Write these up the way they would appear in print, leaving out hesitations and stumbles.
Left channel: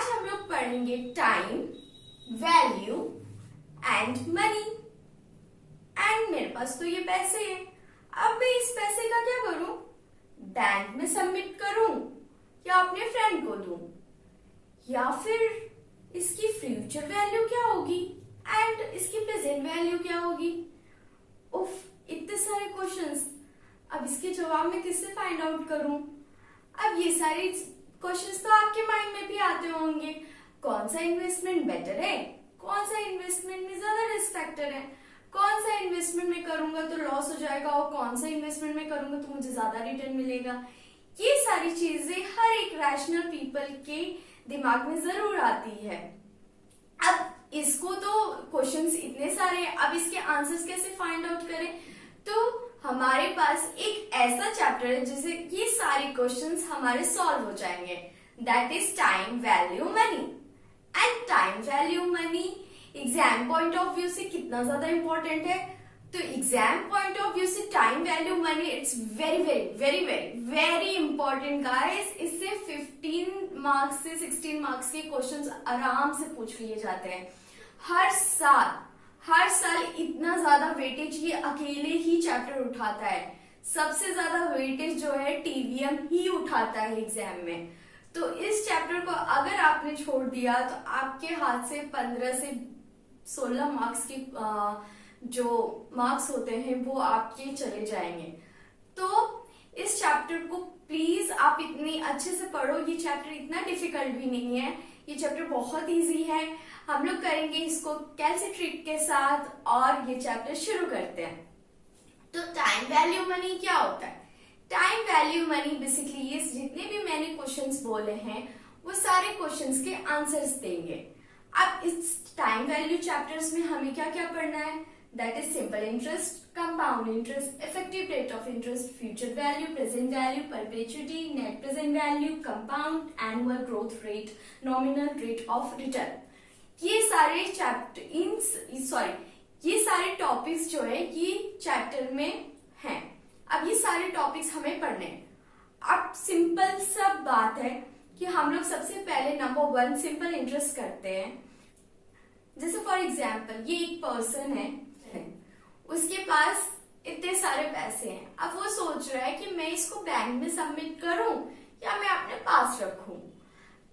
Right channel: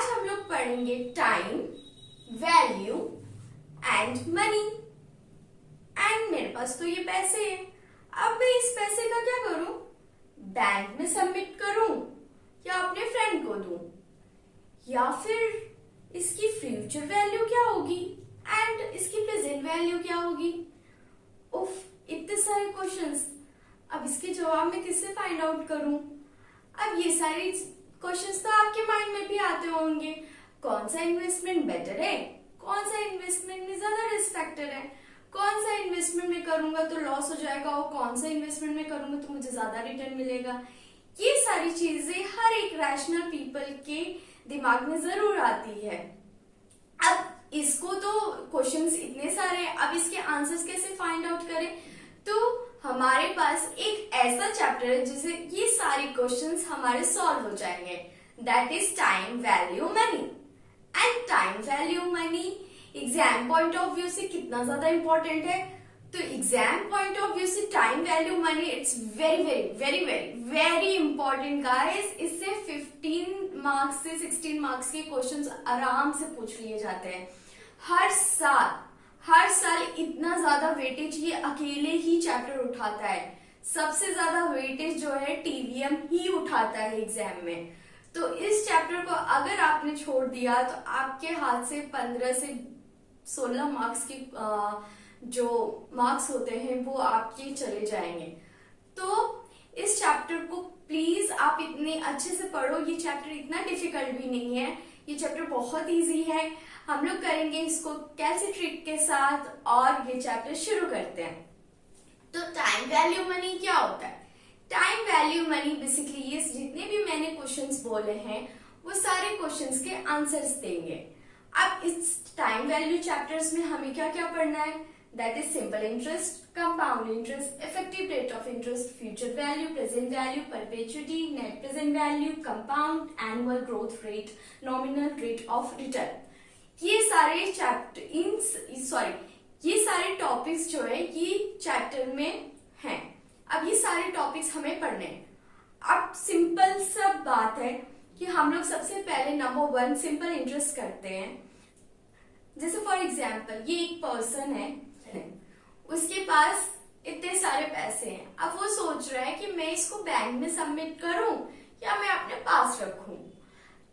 आज हम लोग पढ़ेंगे time, value and money. And मेरे पास तो ये पैसे हैं, अब मैं इस पैसे का क्या करूं? बैंक में सबमिट करूं या अपने फ्रेंड को दूं, या फिर इसकी फ्यूचर वैल्यू क्या होगी एंड इसकी प्रेजेंट वैल्यू क्या होगी? उफ, इतने सारे क्वेश्चंस। अब इसके जवाब में किससे फाइंड आउट करूं? अब ये सारे क्वेश्चंस तो आपके माइंड में भी आते होंगे। कौन सा इन्वेस्टमेंट बेटर है, कौन सा इन्वेस्टमेंट में ज्यादा रिस्क फैक्टर है, कौन सा इन्वेस्टमेंट में करूंगा तो लॉस हो जाएगा और कौन सा इन्वेस्टमेंट में करूंगा तो मुझे ज्यादा रिटर्न मिलेगा। ये सारी चीजें हर एक रैशनल पीपल के दिमाग में जरूर आती है। अब इसको तो क्वेश्चंस इतने सारे हैं, अब इसके आंसर्स कैसे फाइंड आउट करें? तो हमारे पास एक ऐसा चैप्टर है जिससे ये सारे क्वेश्चंस हमारे सॉल्व हो जाएंगे, that is time, value, money. And time, value, money exam point of view से कितना ज्यादा इंपॉर्टेंट है? तो एग्जाम पॉइंट ऑफ व्यू से time, value, money it's very very very very very important guys. इससे 15 मार्क्स से 16 मार्क्स के questions आराम से पूछ लिए जाते हैं हर साल इतना ज्यादा वेटेज ये अकेले ही चैप्टर उठाता है। सबसे ज्यादा वेटेज जो है टीवीएम ही उठाता है एग्जाम में। तो इस चैप्टर को अगर आपने छोड़ दिया तो आपके हाथ से 15 से 16 मार्क्स की जो मार्क्स होते हैं वो आपके चले जाएंगे। तो इस चैप्टर को प्लीज आप इतने अच्छे से पढ़ो। ये चैप्टर इतना डिफिकल्ट भी नहीं है, ये चैप्टर बहुत इजी है। हम लोग करेंगे इसको कैसे ट्रिक के साथ, और ये चैप्टर शुरू करते हैं। तो टाइम, वैल्यू, मनी क्या होता है? टाइम, वैल्यू, मनी बेसिकली ये जितने भी मैंने क्वेश्चंस बोले हैं वो सारे क्वेश्चंस के आंसर्स देंगे। अब इस टाइम वैल्यू चैप्टर्स में हमें क्या क्या पढ़ना है? That is simple interest, compound interest, effective rate of interest, future value, present value, perpetuity, net present value, compound annual growth rate, nominal rate of return. ये सारे ये सारे टॉपिक्स जो है ये चैप्टर में हैं। अब ये सारे टॉपिक्स हमें पढ़ने हैं। अब सिंपल सा बात है कि हम लोग सबसे पहले नंबर 1 सिंपल इंटरेस्ट करते हैं। जैसे फॉर एग्जाम्पल ये एक पर्सन है, उसके पास इतने सारे पैसे हैं। अब वो सोच रहा है कि मैं इसको बैंक में सबमिट करूं या मैं अपने पास रखूं।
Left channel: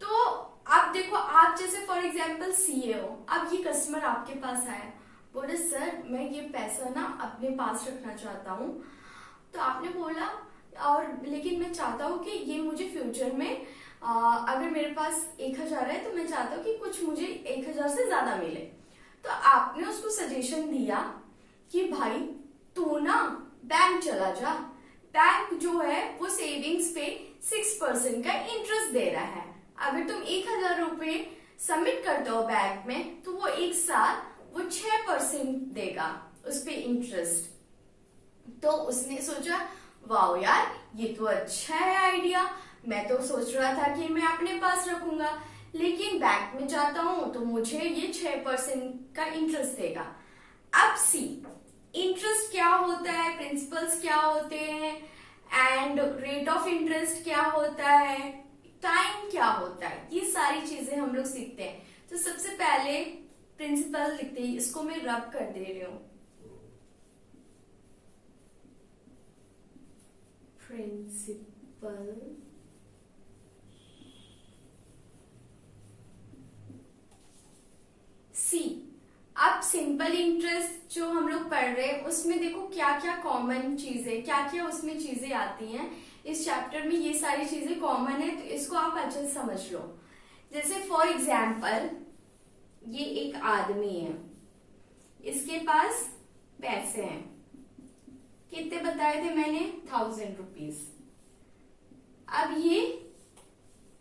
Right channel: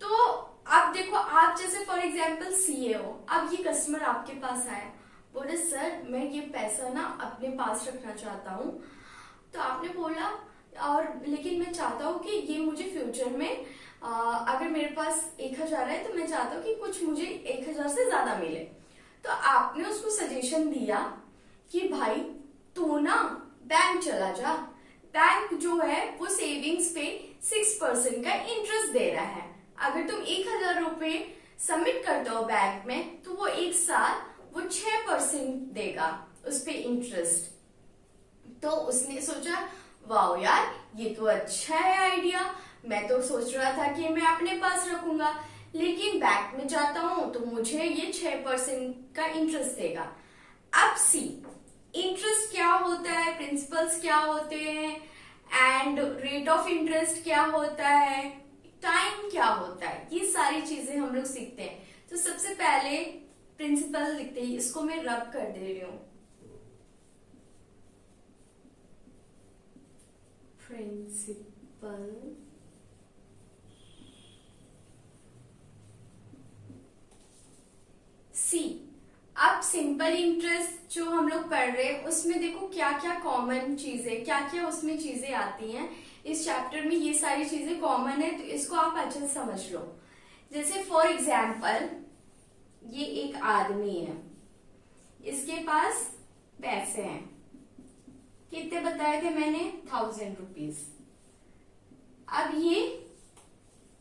तो आप देखो, आप जैसे फॉर एग्जाम्पल सीए हो, अब ये कस्टमर आपके पास आया, बोले सर मैं ये पैसा ना अपने पास रखना चाहता हूँ। तो आपने बोला और लेकिन मैं चाहता हूँ कि ये मुझे फ्यूचर में अगर मेरे पास 1000 है तो मैं चाहता हूँ कि कुछ मुझे 1000 से ज्यादा मिले। तो आपने उसको सजेशन दिया कि भाई तू ना बैंक चला जा, बैंक जो है वो सेविंग्स पे 6% का इंटरेस्ट दे रहा है। अगर तुम 1000 रुपए सबमिट करते हो बैंक में तो वो एक साल वो 6% देगा उस पे इंटरेस्ट। तो उसने सोचा वाओ यार ये तो अच्छा है आइडिया, मैं तो सोच रहा था कि मैं अपने पास रखूंगा, लेकिन बैंक में जाता हूं तो मुझे ये 6% का इंटरेस्ट देगा। अब सी इंटरेस्ट क्या होता है, प्रिंसिपल्स क्या होते हैं, एंड रेट ऑफ इंटरेस्ट क्या होता है, टाइम क्या होता है, ये सारी चीजें हम लोग सीखते हैं। तो सबसे पहले प्रिंसिपल लिखते हैं, इसको मैं रब कर दे रही हूं। प्रिंसिपल सी। अब सिंपल इंटरेस्ट जो हम लोग पढ़ रहे हैं उसमें देखो क्या क्या कॉमन चीजें, क्या क्या उसमें चीजें आती हैं। इस चैप्टर में ये सारी चीजें कॉमन है, तो इसको आप अच्छे से समझ लो। जैसे फॉर एग्जाम्पल ये एक आदमी है, इसके पास पैसे हैं, कितने बताए थे मैंने? 1000 रुपीज। अब ये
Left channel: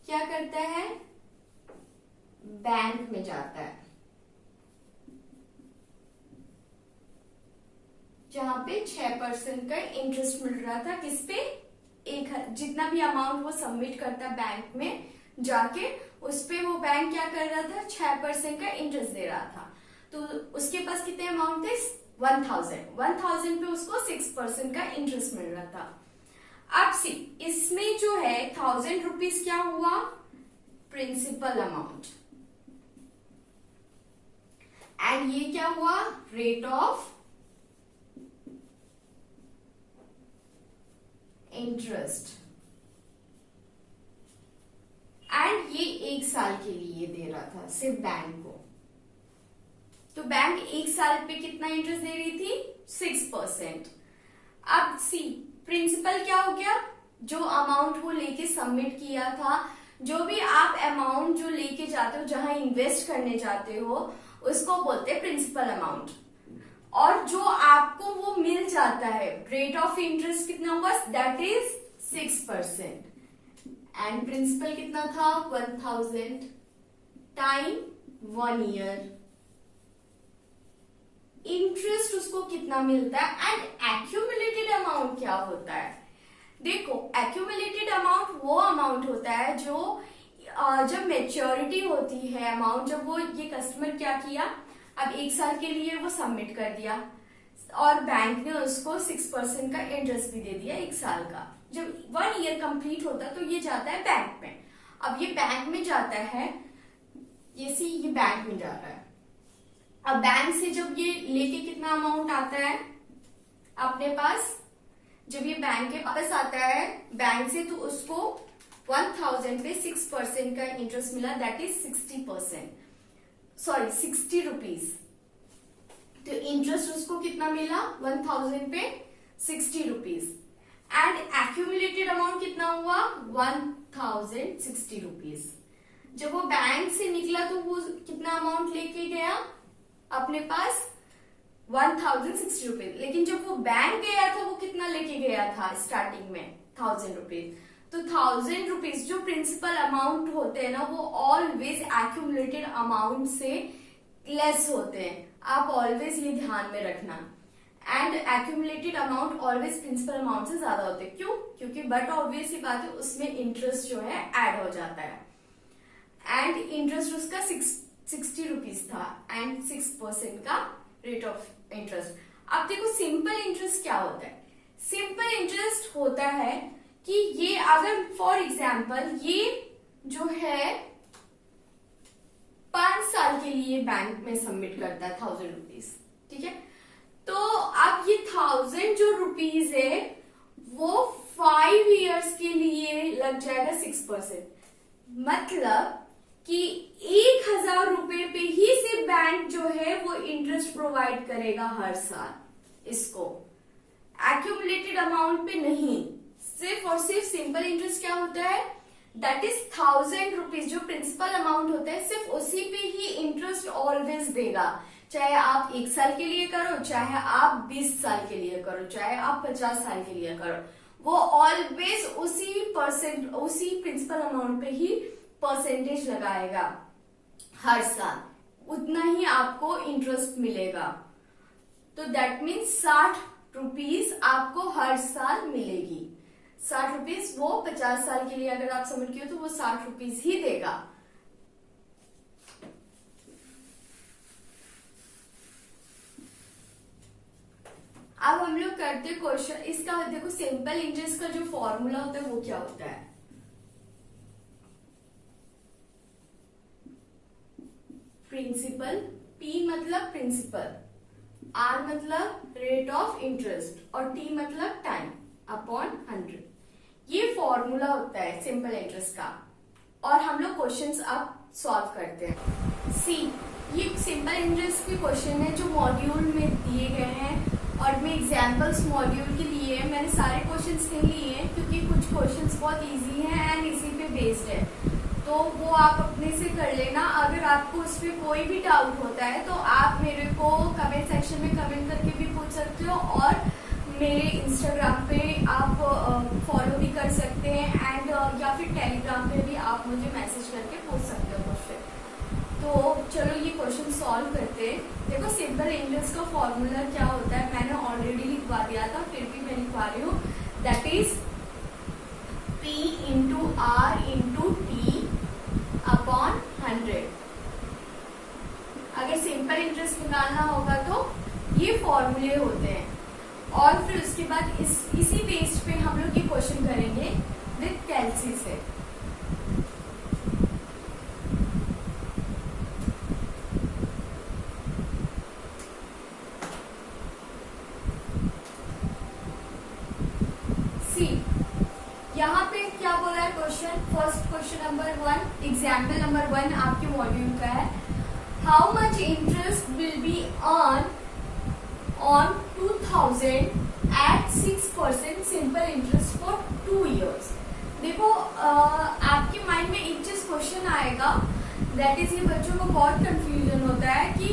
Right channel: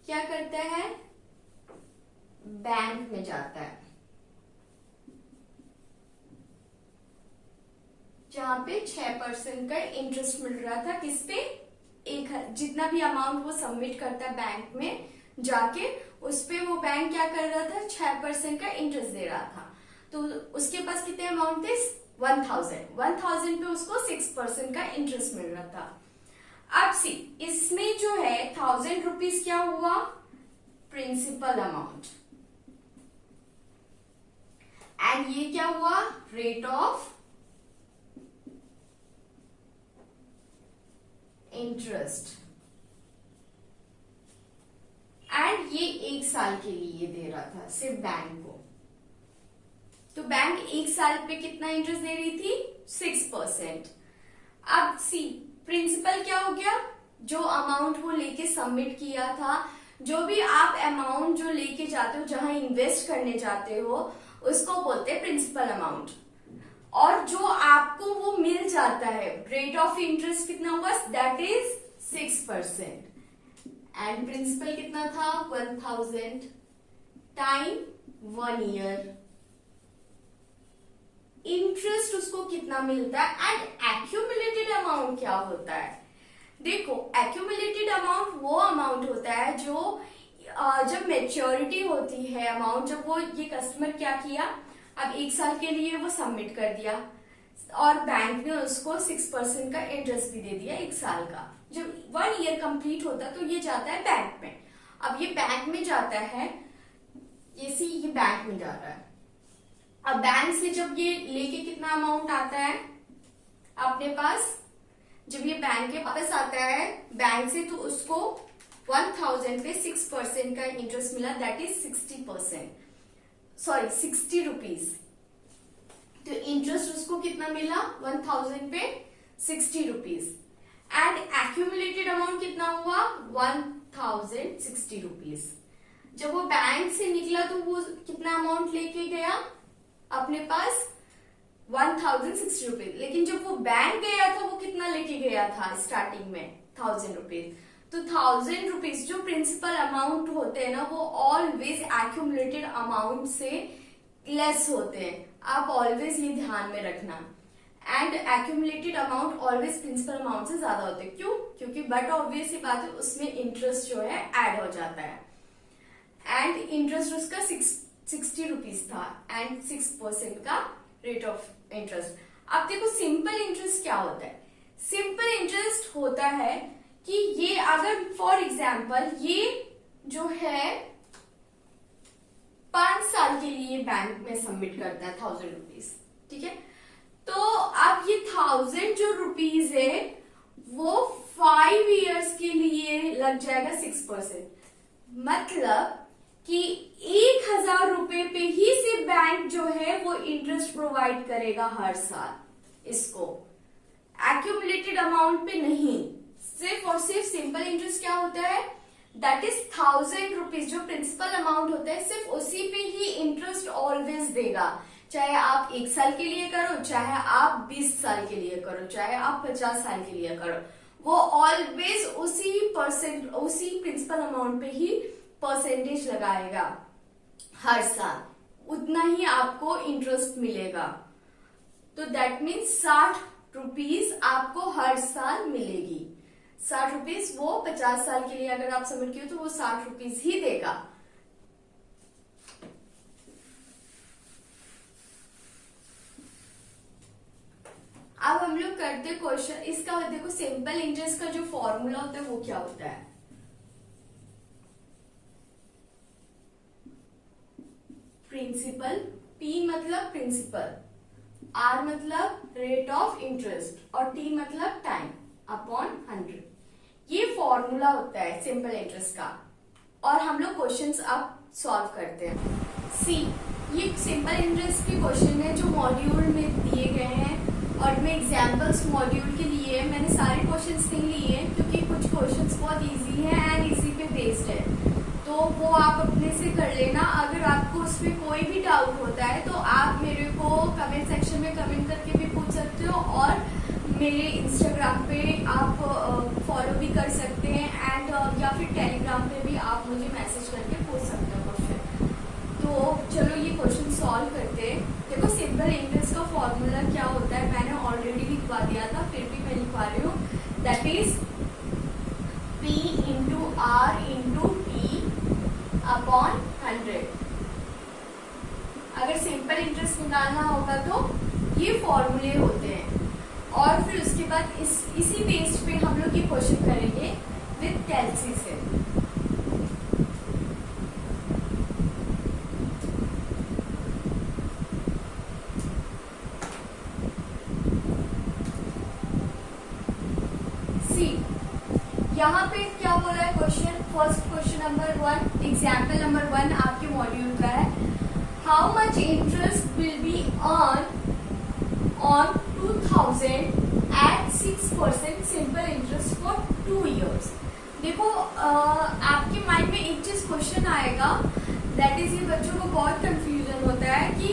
क्या करता है? बैंक में जाता है जहां पे 6% का इंटरेस्ट मिल रहा था। किस पे? जितना भी अमाउंट वो सबमिट करता बैंक में जाके उस पे वो बैंक क्या कर रहा था? 6% का इंटरेस्ट दे रहा था। तो उसके पास कितने अमाउंट थे? 1000 पे उसको 6% का इंटरेस्ट मिल रहा था। अब सी इसमें जो है 1000 रुपीज क्या हुआ? प्रिंसिपल अमाउंट, एंड ये क्या हुआ, रेट ऑफ इंटरेस्ट, एंड ये 1 साल के लिए दे रहा था सिर्फ बैंक को। तो बैंक 1 साल पे कितना इंटरेस्ट दे रही थी, 6%। अब सी प्रिंसिपल क्या हो गया, जो अमाउंट वो लेके सबमिट किया था, जो भी आप अमाउंट जो लेके जाते हो, जहां इन्वेस्ट करने जाते हो, उसको बोलते हैं प्रिंसिपल अमाउंट। और जो आपको वो मिल जाता है, रेट ऑफ इंटरेस्ट कितना हुआ, दैट इज 6%, एंड प्रिंसिपल कितना था, 1000 टाइम 1 ईयर। इंटरेस्ट उसको कितना मिलता है, एंड एक्यूमुलेटेड अमाउंट क्या होता है। देखो, एक्यूमुलेटेड अमाउंट वो अमाउंट होता है जो जब मेच्योरिटी होती है अमाउंट, जब वो ये कस्टमर क्या किया, अब 1 साल के लिए वो सबमिट कर दिया और बैंक ने उसको 6% का इंटरेस्ट भी दे दिया 1 साल का। जब 1 ईयर कंप्लीट होता तो ये जाता है बैंक में। अब ये बैंक में जाता है, ये बैंक में जा रहा है। अब बैंक से जब ये लेके कितना अमाउंट आता है अपने पास, जब ये बैंक के पास आता है बैंक से, तो उसको 1000 पे 6% का इंटरेस्ट मिला, दैट इज 60%, सॉरी 60 रुपीज। तो इंटरेस्ट उसको कितना मिला, 1000 पे 60 रुपीज, एंड एक्यूमुलेटेड अमाउंट कितना हुआ, 1060 रुपीज। जब वो बैंक से निकला तो वो कितना अमाउंट लेके गया अपने पास, 1060 रुपीज। लेकिन जब वो बैंक गया था वो कितना लेके गया था स्टार्टिंग में, 1000 रुपीज। तो 1000 रुपीज जो प्रिंसिपल अमाउंट होते हैं ना, वो ऑलवेज एक्यूमुलेटेड अमाउंट से लेस होते हैं। आप ऑलवेज ये ध्यान में रखना। And accumulated amount always principal amount से ज्यादा होते हैं। क्यों, क्योंकि बट ऑब्वियस ही बात है, उसमें इंटरेस्ट जो है ऐड हो जाता है, एंड इंटरेस्ट उसका 60 रुपीज था, एंड 6% का रेट ऑफ इंटरेस्ट। अब देखो सिंपल इंटरेस्ट क्या होता है। सिंपल इंटरेस्ट होता है कि ये अगर फॉर एग्जाम्पल ये जो है 5 साल के लिए बैंक में सबमिट करता है 1000 रुपीज, ठीक है। तो अब ये 1000 जो रुपीज है वो 5 इयर्स के लिए लग जाएगा 6%, मतलब कि 1000 रुपए पे ही सिर्फ बैंक जो है वो इंटरेस्ट प्रोवाइड करेगा हर साल इसको, एक्यूमुलेटेड अमाउंट पे नहीं। सिर्फ और सिर्फ सिंपल इंटरेस्ट क्या होता है, दैट इज 1000 रुपीज जो प्रिंसिपल अमाउंट होता है, सिर्फ उसी पे ही इंटरेस्ट ऑलवेज देगा। चाहे आप 1 साल के लिए करो, चाहे आप 20 साल के लिए करो, चाहे आप 50 साल के लिए करो, वो ऑलवेज उसी प्रिंसिपल अमाउंट पे ही परसेंटेज लगाएगा हर साल, उतना ही आपको इंटरेस्ट मिलेगा। तो दैट मीन्स 60 रुपीज आपको हर साल मिलेगी। 60 रुपीज वो 50 साल के लिए अगर आप सबमिट किए तो वो 60 रुपीज ही देगा। अब हम लोग करते क्वेश्चन। इसका देखो सिंपल इंटरेस्ट का जो फॉर्मूला होता है वो क्या होता है। प्रिंसिपल, P मतलब प्रिंसिपल, R मतलब रेट ऑफ इंटरेस्ट और T मतलब टाइम अपॉन 100। ये फॉर्मूला होता है सिंपल इंटरेस्ट का, और हम लोग क्वेश्चंस अब सॉल्व करते हैं। सी, ये सिंपल इंटरेस्ट के क्वेश्चन है जो मॉड्यूल में दिए गए हैं, और मैं एग्जाम्पल्स मॉड्यूल के लिए मैंने सारे क्वेश्चंस नहीं लिए हैं क्योंकि कुछ क्वेश्चंस बहुत इजी हैं एंड इसी पे बेस्ड है, तो वो आप अपने से कर लेना। अगर आपको उसमें कोई भी डाउट होता है तो आप मेरे को कमेंट सेक्शन में कमेंट करके भी पूछ सकते हो, और मेरे इंस्टाग्राम पे आप फॉलो भी कर सकते हैं, एंड या फिर टेलीग्राम पे भी आप मुझे मैसेज करके पूछ सकते हो क्वेश्चन। तो चलो ये क्वेश्चन सॉल्व करते हैं। देखो सिंपल इंटरेस्ट का फॉर्मूला क्या होता है मैंने ऑलरेडी लिखवा दिया था, फिर भी मैं लिखवा रही हूँ। That is P into R into T upon 100। अगर सिंपल इंटरेस्ट निकालना होगा तो ये फॉर्मूले होते हैं, और फिर उसके बाद इसी बेस पे हम लोग ये क्वेश्चन करेंगे विद कैलसी से। यहाँ पे क्या बोला है question, first question number 1, example number 1 आपके मॉड्यूल का है। How much interest will be on 2000 at 6% simple interest for 2 years। देखो आपके माइंड में एक चीज क्वेश्चन आएगा, दैट इज ये बच्चों को बहुत कंफ्यूजन होता है कि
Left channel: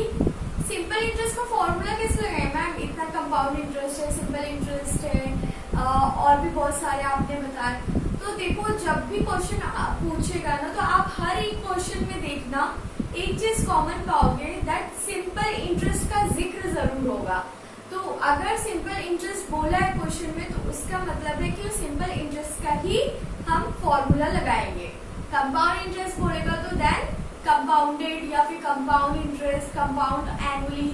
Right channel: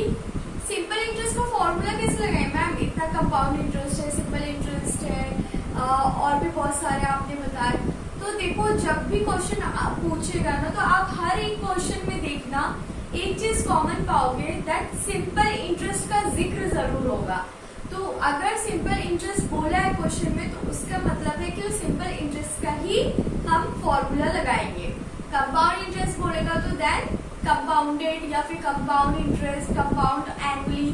सिंपल इंटरेस्ट का फॉर्मूला कैसे लगाए मैम, इतना कंपाउंड इंटरेस्ट है, सिंपल इंटरेस्ट है, और भी बहुत सारे आपने बताए। तो देखो जब भी क्वेश्चन पूछेगा ना, तो आप हर एक क्वेश्चन में देखना एक चीज कॉमन पाओगे, दैट सिंपल इंटरेस्ट का जिक्र जरूर होगा। तो अगर सिंपल इंटरेस्ट बोला है क्वेश्चन में, तो उसका मतलब है कि सिंपल इंटरेस्ट का ही हम फॉर्मूला लगाएंगे। कंपाउंड इंटरेस्ट बोलेगा तो देन कंपाउंडेड या फिर कंपाउंड इंटरेस्ट, कंपाउंड एनुअली,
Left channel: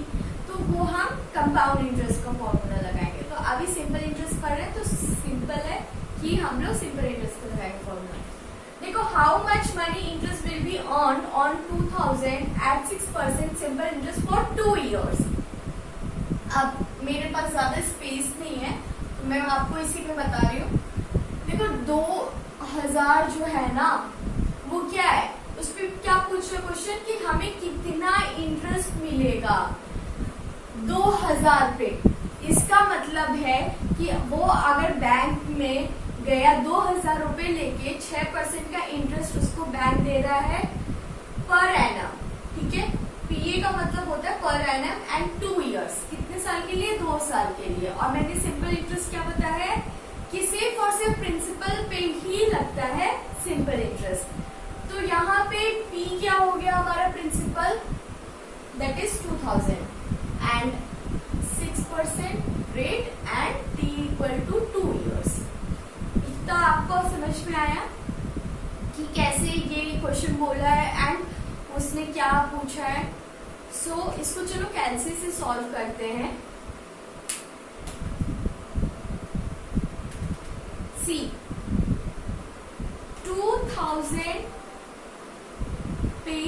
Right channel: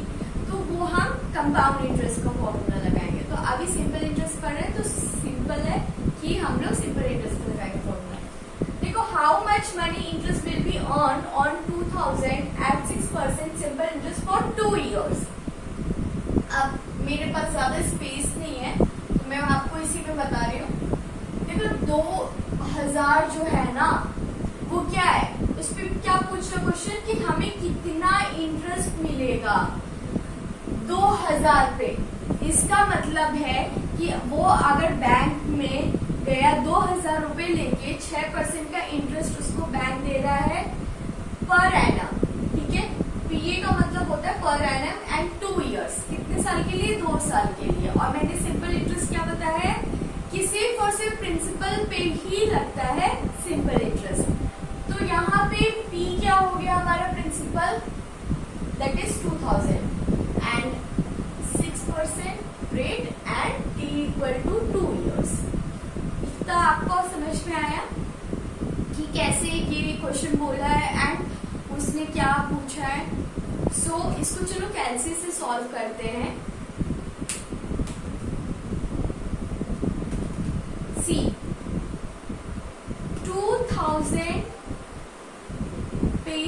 तो वो हम कंपाउंड इंटरेस्ट का फॉर्मूला लगाएंगे। तो अभी सिंपल इंटरेस्ट पढ़ रहे हैं, तो सिंपल है कि हम लोग सिंपल इंटरेस्ट का लगाएंगे फॉर्मूला। देखो how much money interest will be earn on 2000 at 6% simple interest for 2 years। अब मेरे पास ज्यादा स्पेस नहीं है, तो मैं आपको इसी पे बता रही हूँ। देखो 2000 जो है ना, वो क्या है, उस पर क्या पूछ रहा क्वेश्चन कि हमें कितना इंटरेस्ट मिलेगा 2000 पे। इसका मतलब है कि वो अगर बैंक में गया 2000 रुपए लेके 6% का इंटरेस्ट उसको बैंक दे रहा है पर एनम, ठीक है। पीए का मतलब होता है पर एनम एंड 2 years, कितने साल के लिए, 2 साल के लिए। और मैंने सिंपल इंटरेस्ट क्या बताया है कि सिर्फ और सिर्फ प्रिंसिपल पे ही लगता है सिंपल इंटरेस्ट। तो यहाँ पे पी क्या हो गया हमारा principal, that is 2000 and 6% rate and T equal to 2 years। इतना आपको समझ में आया कि कैसे ये क्वेश्चन बोला है एंड उसने क्या पूछा है। सो इसको चलो कैलसी से सॉल्व करते हैं। सी 2000 पे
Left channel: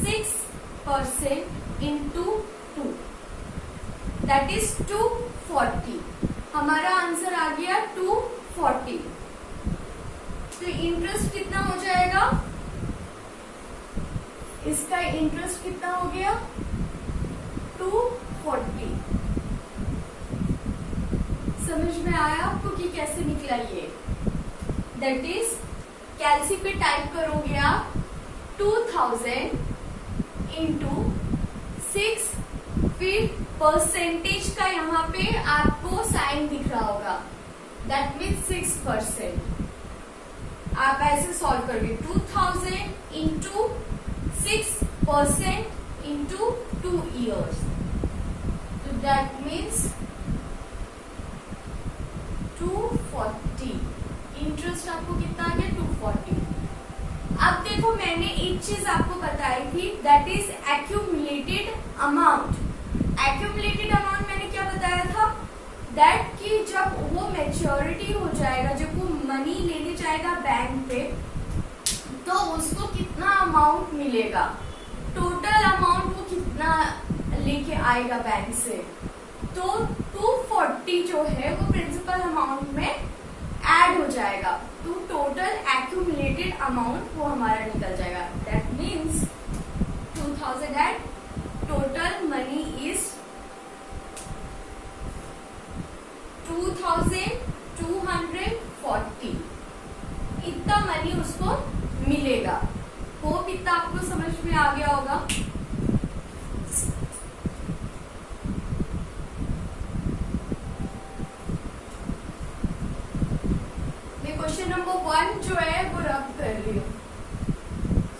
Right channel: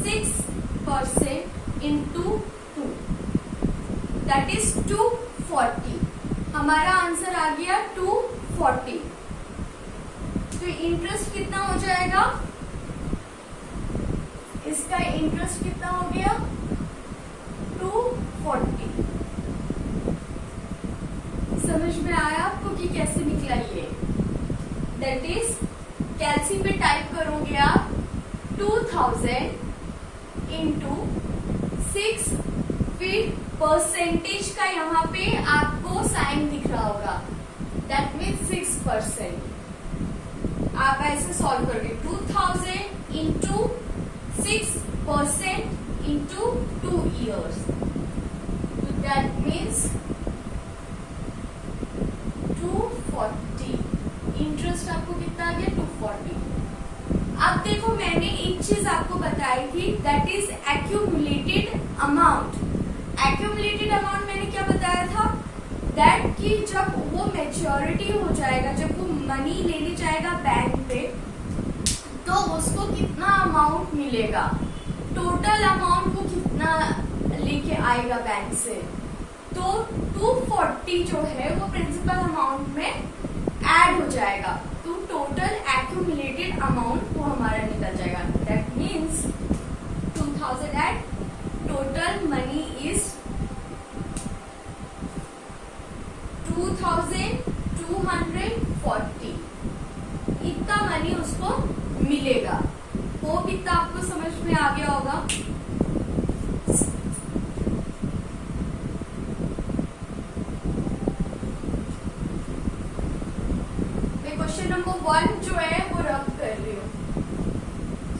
6% इंटू 2, दैट इज 240। हमारा आंसर आ गया 240। तो इंटरेस्ट कितना हो जाएगा, इसका इंटरेस्ट कितना हो गया 240। समझ में आया आपको कि कैसे निकला ये, दैट इज कैलसी पे टाइप करोगे आप 2000 इंटू 6, फिर परसेंटेज का यहाँ पे आपको साइन दिख रहा होगा, दैट मीन 6%। आप ऐसे सॉल्व करोगे 2000 into 6% into 2 years, so that means 240। Interest आपको कितना आ गया 240। अब देखो मैंने एक चीज आपको बताई थी, that is accumulated amount. Accumulated amount मैंने क्या बताया था, दैट कि जब वो मैच्योरिटी हो जाएगा, जब वो मनी लेने जाएगा बैंक पे, तो उसको कितना अमाउंट मिलेगा, टोटल अमाउंट वो कितना लेके आएगा बैंक से। तो 240 जो है वो प्रिंसिपल अमाउंट में ऐड हो जाएगा, तो टोटल एक्यूमुलेटेड अमाउंट वो हमारा निकल जाएगा। That means 2000 at total money is 2240। इतना मनी उसको मिलेगा। होप इतना आपको समझ में आ गया होगा। मैं क्वेश्चन नंबर 1 जो है वो रब कर रही हूँ,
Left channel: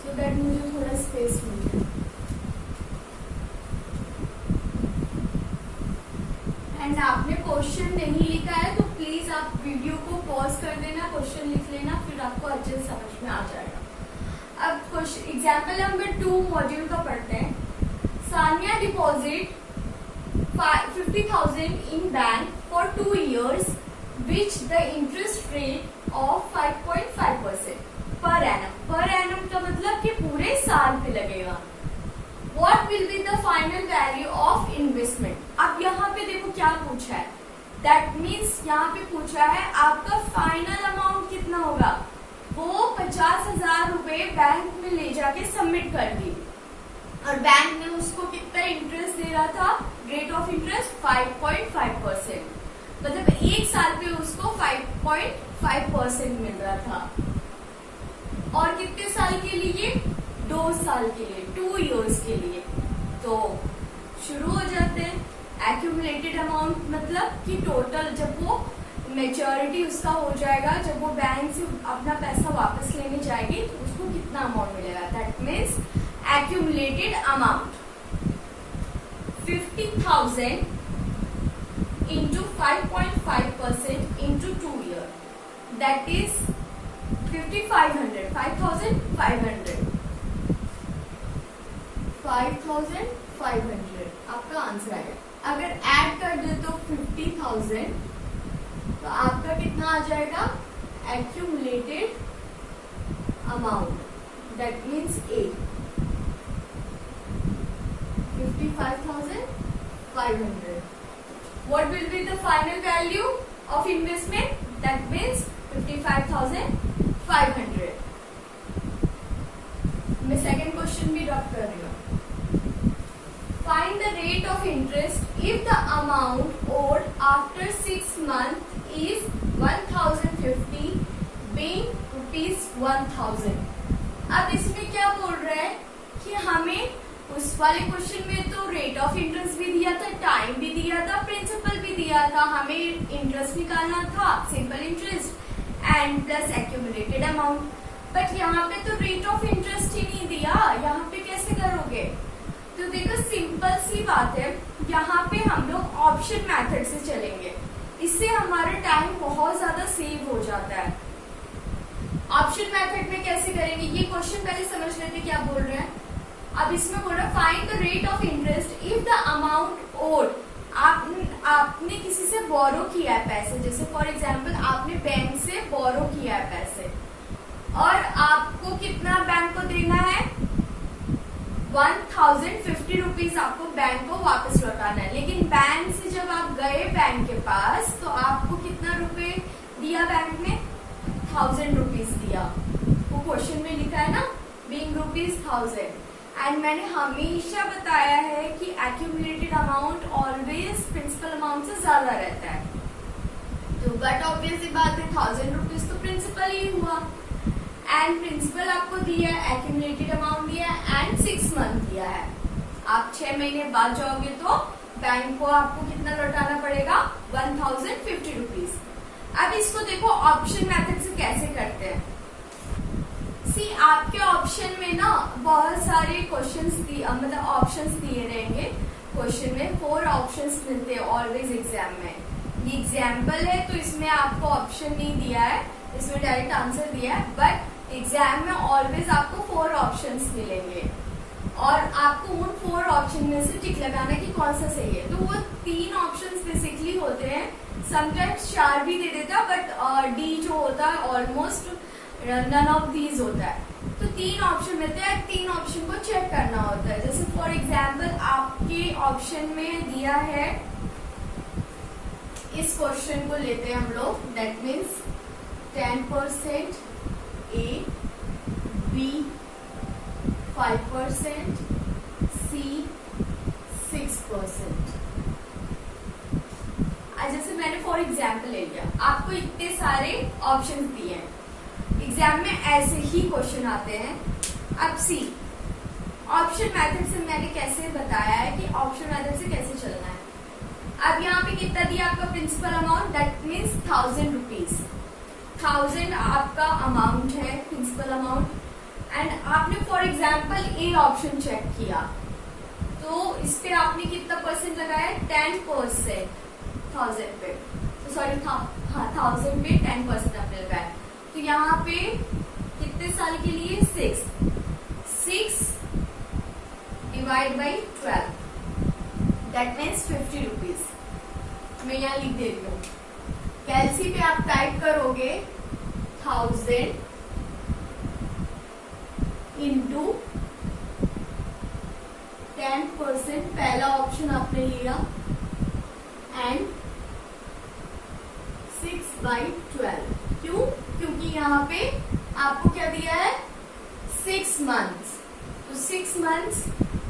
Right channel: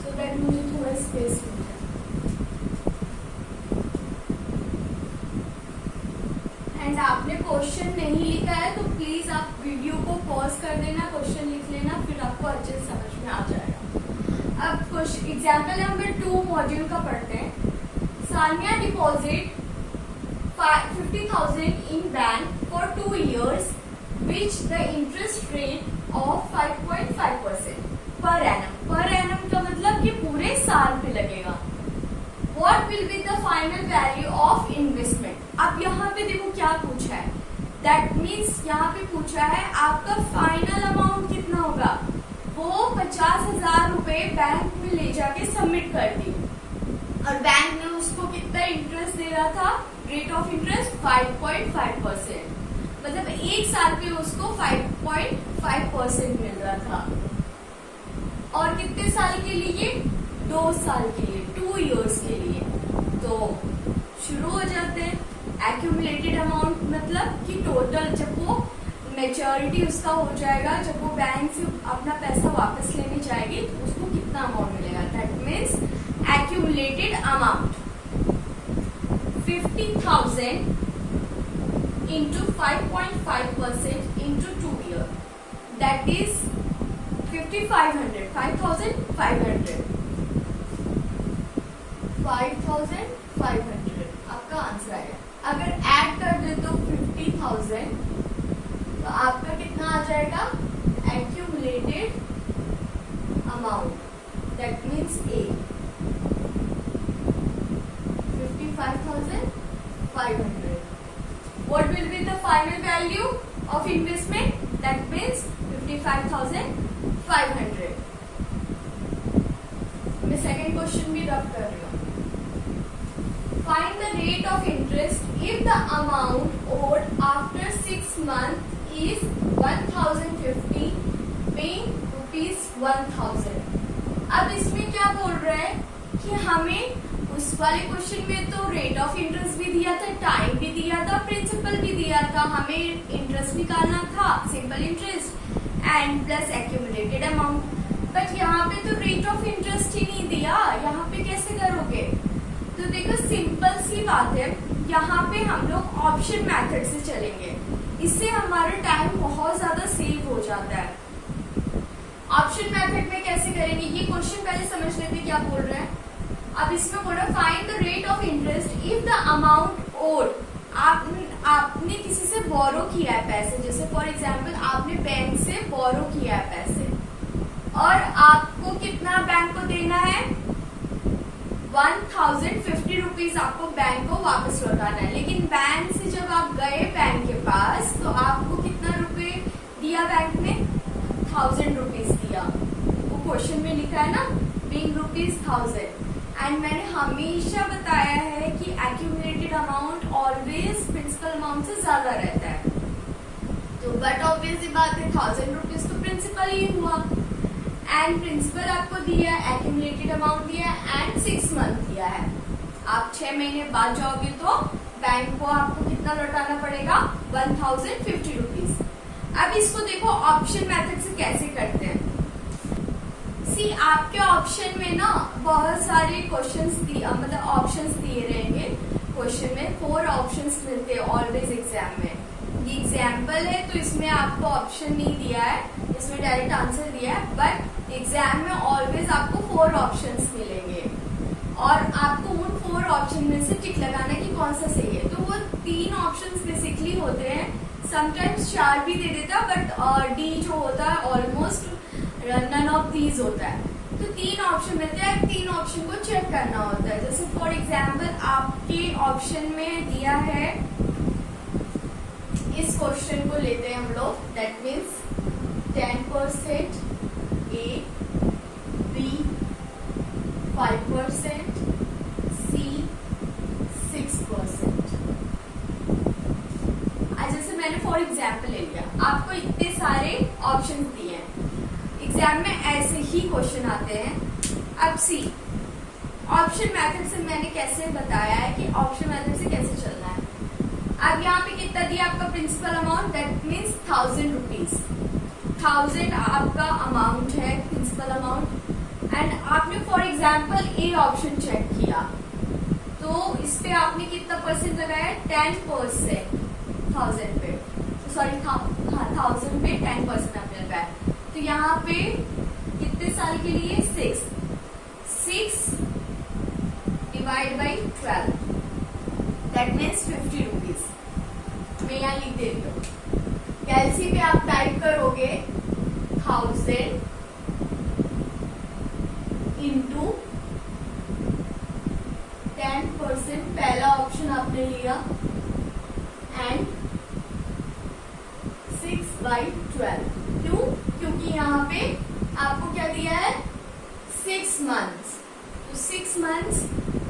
सो दैट मुझे थोड़ा स्पेस मिल जाए। एंड आपने क्वेश्चन नहीं लिखा है तो प्लीज आप वीडियो को पॉज कर देना, क्वेश्चन लिख लेना, फिर आपको अच्छे से समझ में आ जाएगा। अब एग्जाम्पल नंबर 2 मॉड्यूल का पढ़ते हैं। Sania deposit 50,000 in bank for 2 years, which the interest rate of 5.5% per annum। per annum का मतलब कि पूरे साल पे लगेगा। What will be the final value of investment? अब यहाँ पे देखो क्या पूछा है, दैट मीन्स यहाँ पे पूछा है आपका फाइनल अमाउंट कितना होगा। वो 50,000 रुपए बैंक में ले जाके सबमिट कर दी और बैंक ने उसको कितना इंटरेस्ट दे रहा था, रेट ऑफ इंटरेस्ट 5.5%, मतलब एक साल पे उसको 5.5% मिल रहा था। और कितने साल के लिए, 2 साल के लिए, 2 इयर्स के लिए। तो शुरू हो जाते हैं। एक्यूमुलेटेड अमाउंट मतलब कि टोटल जब वो मेच्योरिटी उसका हो जाएगा, जब वो बैंक से अपना पैसा वापस लेने जाएगी तो उसको कितना अमाउंट मिलेगा, that means accumulated amount 50,000 into 5.5% into 2 years, that is 5,500, 5,500 आपका आंसर है। अगर ऐड कर दे तो 50,000, तो आपका कितना आ जाएगा, accumulated amount, that means A 55,500. What will be the final value of investment? That means 55,500. मैं सेकेंड क्वेश्चन भी रब कर रही हूँ। Find the rate of interest if the amount owed after 6 months is 1,050, paying ₹1,000. अब इसमें क्या बोल रहा है कि हमें उस वाले क्वेश्चन में तो रेट ऑफ इंटरेस्ट भी दिया था, टाइम भी दिया था, प्रिंसिपल भी दिया था, हमें इंटरेस्ट निकालना था, simple interest and plus accumulated amount. But यहाँ पे तो रेट ऑफ इंटरेस्ट ही नहीं दिया, यहाँ पे कैसे करोगे। तो देखो सिंपल सी बात है, यहाँ पे हम लोग ऑप्शन मेथड से चलेंगे, इससे हमारा टाइम बहुत ज्यादा सेव हो जाता है। ऑप्शन मेथड में कैसे करेंगे, ये क्वेश्चन पहले समझ लेते क्या बोल रहे हैं। अब इसमें बोल रहा है find the rate of interest if the amount owed, आपने किसी से बोरो किया है पैसे, जैसे फॉर एग्जाम्पल आपने बैंक से बोरो किया है पैसे और आपको कितना बैंक को देना है, 1,050 रुपीज आपको बैंक को वापस लौटाना है। लेकिन बैंक से जब आप गए बैंक के पास तो आपको कितना रुपए दिया बैंक ने, 1,000 रुपीज दिया। वो क्वेश्चन में लिखा है ना, बीइंग ₹1,000। एंड मैंने हमेशा बताया है कि accumulated amount always principal amount से ज्यादा रहता है। तो बट ऑब्वियस बात है 1,000 रुपीज तो प्रिंसिपल ही हुआ एंड प्रिंसिपल आपको दिया है, एक्यूमुलेटेड अमाउंट दिया है एंड 6 मंथ दिया है। आप 6 महीने बाद जाओगे तो बैंक को आपको कितना लौटाना पड़ेगा, 1,050 रुपीज। अब इसको देखो ऑप्शन मेथड से कैसे करते हैं। आपके ऑप्शन में ना बहुत सारे क्वेश्चंस मतलब ऑप्शंस दिए रहेंगे। क्वेश्चन में 4 ऑप्शंस मिलते हैं ऑलवेज एग्जाम में। ये एग्जाम्पल है तो इसमें आपको ऑप्शन नहीं दिया है, इसमें डायरेक्ट आंसर दिया है, बट एग्जाम में ऑलवेज आपको 4 ऑप्शंस मिलेंगे और आपको उन 4 ऑप्शन में से टिक लगाना कि कौन सा सही है। तो वो 3 ऑप्शंस बेसिकली होते हैं, समटाइम्स 4 भी दे देता, बट डी जो होता है ऑलमोस्ट नन ऑफ दीज होता है। तो 3 ऑप्शन मिलते हैं, 3 ऑप्शन को चेक करना होता है। जैसे फॉर एग्जाम्पल आपके ऑप्शन में दिया है, इस क्वेश्चन को लेते हैं हम लोग, दैट मीन्स 10% ए, बी 5%, सी 6%। जैसे मैंने फॉर एग्जाम्पल ले लिया, आपको इतने सारे ऑप्शन दिए हैं, एग्जाम में ऐसे ही क्वेश्चन आते हैं। अब सी ऑप्शन मेथड से मैंने कैसे बताया है कि ऑप्शन मेथड से कैसे चलना है। अब यहाँ पे कितना दिया आपका principal amount, that means 1,000 rupees. 1,000 आपका अमाउंट है, प्रिंसिपल अमाउंट। एंड आपने for example A option check किया तो इस पे आपने कितना परसेंट लगाया, 10%, 1,000 पे, सॉरी 1,000 पे 10% आपने लगाया। तो यहाँ पे कितने साल के लिए, 6 divide by 12, that means 50 rupees. मैं यहाँ लिख देती हूँ, कैलसी पे आप टाइप करोगे 1,000 इंटू 10%, पहला ऑप्शन आपने लिया, एंड 6/12। क्यों? क्योंकि यहाँ पे आपको क्या दिया है 6 मंथ्स। तो 6 मंथ्स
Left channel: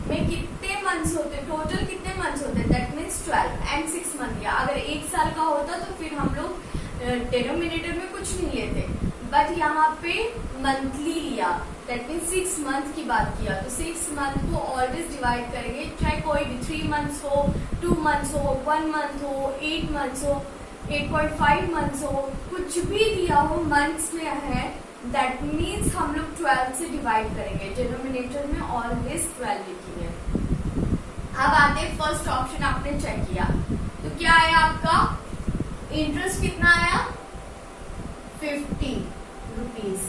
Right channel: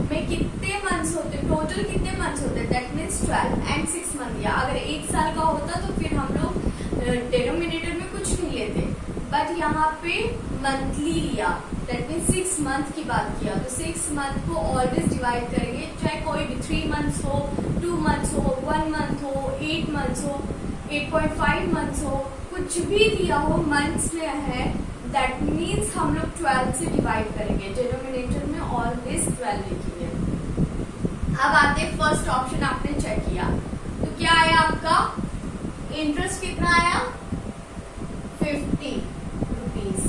में कितने मंथ्स होते, टोटल कितने मंथ्स होते, दैट मीन्स 12 एंड 6 मंथ दिया। अगर 1 साल का होता तो फिर हम लोग डिनोमिनेटर में कुछ नहीं लेते, बट यहाँ पे मंथली लिया, दैट मीन्स 6 मंथ की बात किया। तो 6 मंथ को ऑलवेज डिवाइड करेंगे, चाहे कोई भी 3 मंथ्स हो, 2 मंथ्स हो, 1 मंथ हो, 8 मंथ्स हो, 8.5 मंथ्स हो, कुछ भी दिया हो मंथ्स में है, दैट मीन्स हम लोग 12 से डिवाइड करेंगे। डिनोमिनेटर में ऑलवेज 12 लिखेंगे। अब आते फर्स्ट ऑप्शन, आपने चेक किया तो क्या आया आपका, इंटरेस्ट कितना आया 50 रुपीज,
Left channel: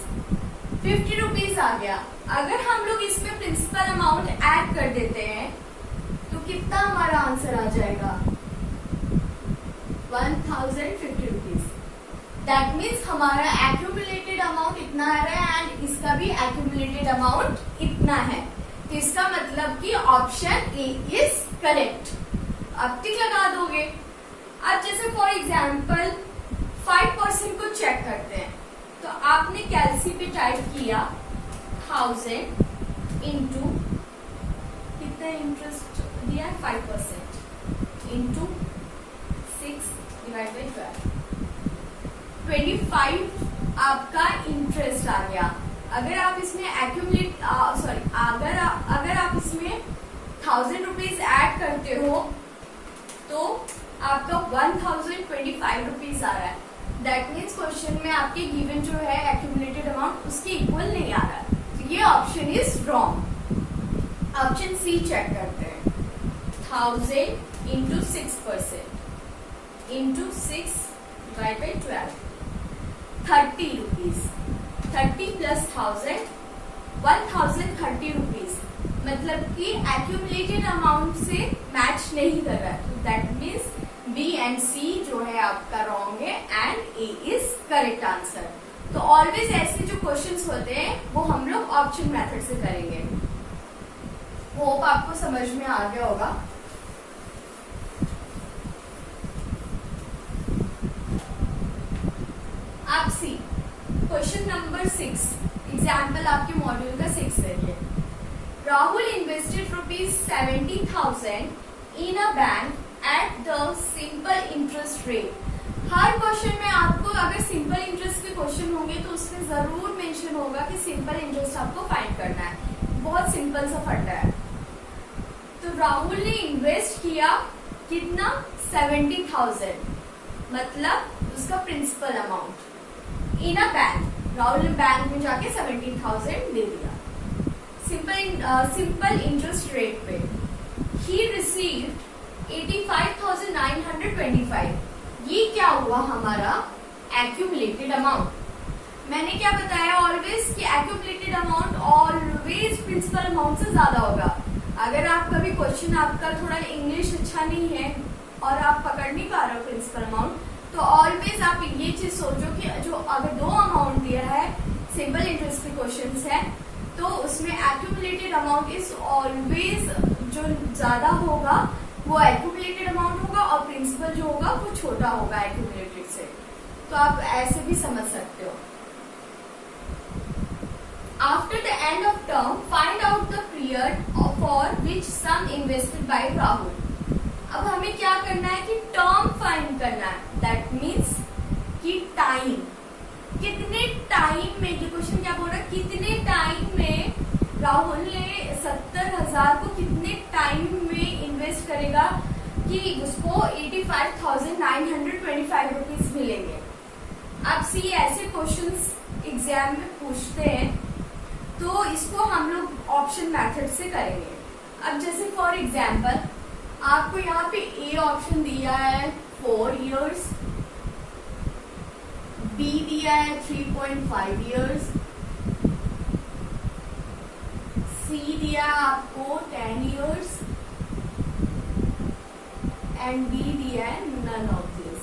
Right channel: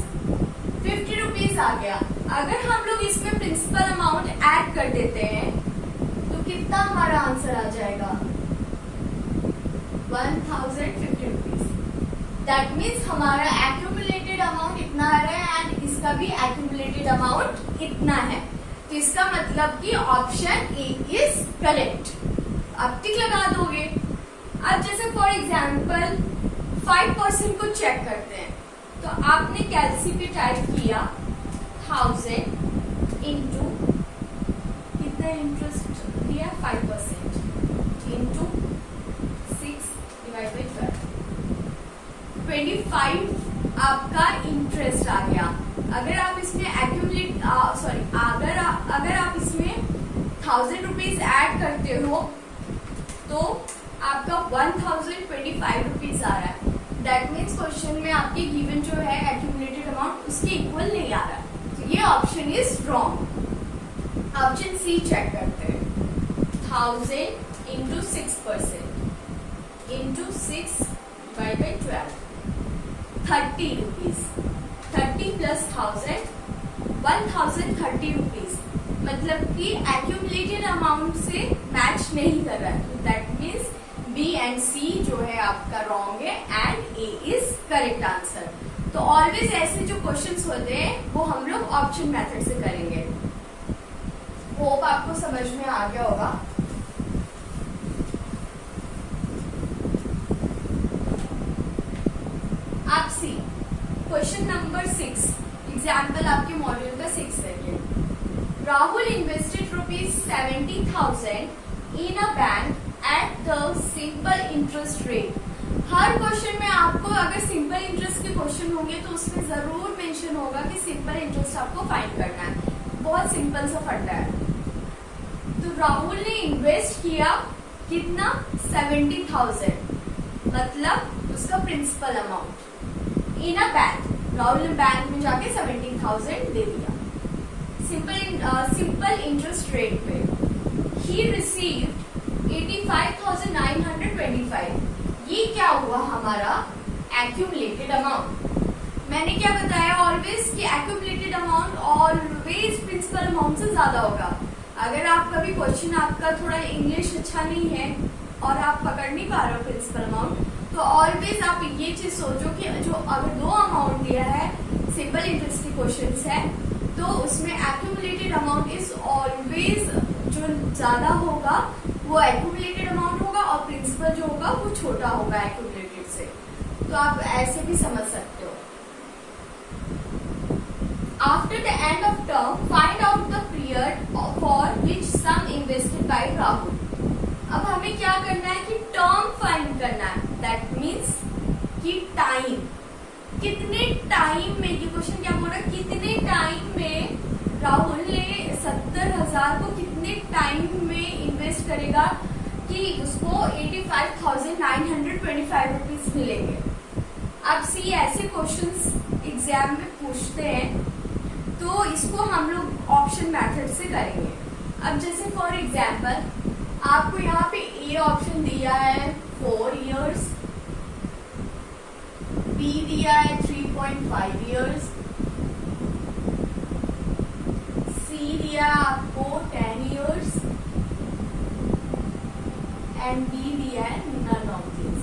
50 रुपीज आ गया। अगर हम लोग इसमें प्रिंसिपल अमाउंट ऐड कर देते हैं तो कितना हमारा आंसर आ जाएगा 1050 रुपीज। दैट मीन्स हमारा एक्यूमुलेटेड अमाउंट इतना आ रहा है एंड इसका भी एक्यूमुलेटेड अमाउंट इतना है। तो इसका मतलब कि ऑप्शन ए इज करेक्ट। अब टिक लगा दोगे। अब जैसे फॉर एग्जाम्पल 5% को चेक करते हैं, तो आपने कैलसी पे टाइप किया 1000 इंटू कितना इंटरेस्ट दिया 5% इंटू 6 डिवाइड बाई 12, 25 आपका इंटरेस्ट आ गया। अगर आप इसमें एक्यूमुलेट अगर आप इसमें 1000 रुपीज ऐड करते हो तो आपका 1025 रुपीज आ रहा है। दैट मीन्स क्वेश्चन में आपके गिवन जो है एक्यूमुलेटेड अमाउंट उसके इक्वल नहीं आ रहा, तो ये option is wrong. Option C check करते हैं, 1000 into 6% into 6 divide by 12, 30 rupees, 30 plus 1030 rupees, मतलब कि एक्यूमुलेटेड अमाउंट से मैच नहीं कर रहा है। दैट मीन्स बी एंड सी जो है आपका रॉन्ग है and A is correct answer. तो ऑलवेज ऐसे जो क्वेश्चंस होते हैं वो हम लोग ऑप्शन मेथड से करेंगे। होप आपको समझ में आ गया होगा। आप सी क्वेश्चन नंबर 6, एग्जाम्पल आपके मॉड्यूल का 6 है। Rahul invested ₹70,000 in a bank at the simple interest rate. Her question में आपको अगर सिंपल इंटरेस्ट के क्वेश्चन होंगे तो उसमें जरूर मेंशन होगा कि सिंपल इंटरेस्ट आपको फाइंड करना है। बहुत सिंपल सा फंडा है। तो राहुल ने इन्वेस्ट किया कितना 70,000, मतलब उसका principal amount in a bank. Rahul ने बैंक में जाके 70,000 दे दिया सिंपल इंटरेस्ट रेट पे। He received 85,925। ये क्या हुआ हमारा एक्यूमुलेटेड अमाउंट। मैंने क्या बताया ऑलवेज कि accumulated amount always principal amount से ज्यादा होगा। अगर आप कभी क्वेश्चन आपका थोड़ा इंग्लिश अच्छा नहीं है और आप पकड़ नहीं पा रहे हो प्रिंसिपल अमाउंट, तो ऑलवेज आप ये चीज सोचो कि जो अगर 2 अमाउंट दिया है सिंपल इंटरेस्ट के क्वेश्चंस है तो उसमें एक्यूमुलेटेड अमाउंट इज ऑलवेज जो ज्यादा होगा वो एक्यूमुलेटेड अमाउंट होगा और प्रिंसिपल जो होगा वो छोटा होगा एक्यूमुलेटेड से। तो आप ऐसे भी समझ सकते हो। After the end of term find out the period for which sum invested by Rahul. अब हमें क्या करना है कि टर्म फाइंड करना है। दैट मीन्स कि टाइम, कितने टाइम में, ये क्वेश्चन क्या बोल रहा है, कितने टाइम में राहुल ने 70,000 को कितने टाइम में इन्वेस्ट करेगा कि उसको 85,925 रुपीज मिलेंगे। अब सी ऐसे क्वेश्चंस एग्जाम में पूछते हैं तो इसको हम लोग ऑप्शन मेथड से करेंगे। अब जैसे फॉर एग्जाम्पल आपको यहाँ पे ए ऑप्शन दिया है 4 इयर्स, बी दिया है 3.5 इयर्स, सी दिया है आपको 10 इयर्स एंड डी दिया है none of this.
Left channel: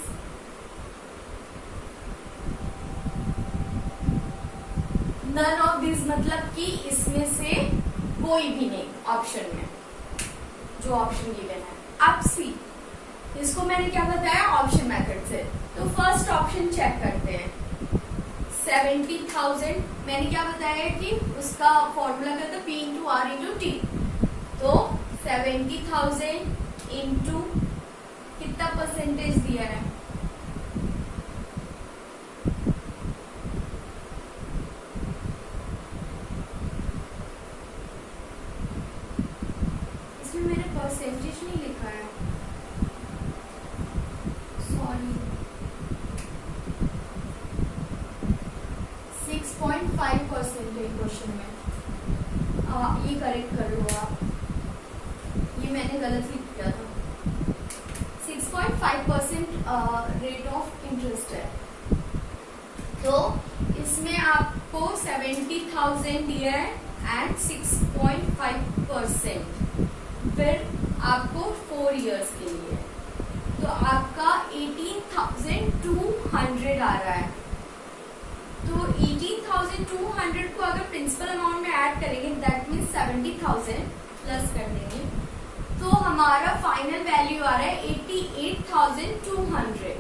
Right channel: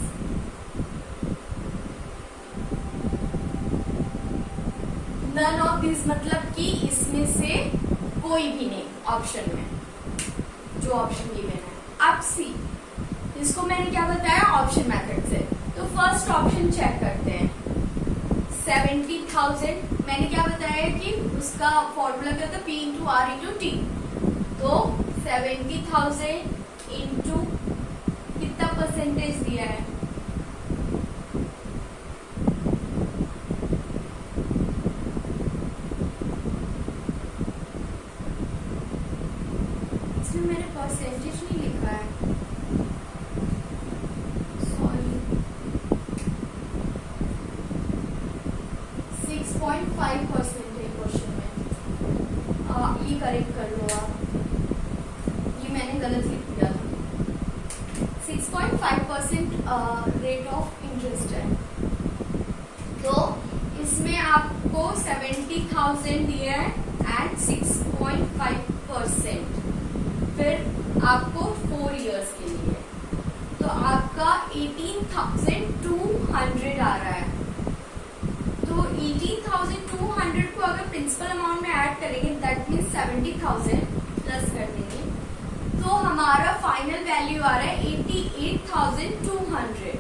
None of this मतलब कि इसमें से कोई भी नहीं ऑप्शन में, जो ऑप्शन गिवन है। अब सी इसको मैंने क्या बताया, ऑप्शन मेथड से। तो फर्स्ट ऑप्शन चेक करते हैं। 70,000 मैंने क्या बताया कि उसका फॉर्मूला क्या था, P into R into T. तो 70,000 इंटू कितना परसेंटेज दिया है, इसमें मैंने परसेंटेज नहीं लिखा है, सॉरी। 6.5% है क्वेश्चन में, ये करेक्ट कर लो आप, ये मैंने गलत लिख दिया था। 6.5% रेट ऑफ इंटरेस्ट है। तो इसमें आपको 70,000 दिया है एंड 6.5%, फिर आपको 4 इयर्स के लिए, तो आपका 18,200 आ रहा है। तो 18,200 को अगर प्रिंसिपल अमाउंट में ऐड करेंगे, दैट मीन्स 70,000 प्लस कर देंगे, तो हमारा फाइनल वैल्यू आ रहा है 88,200।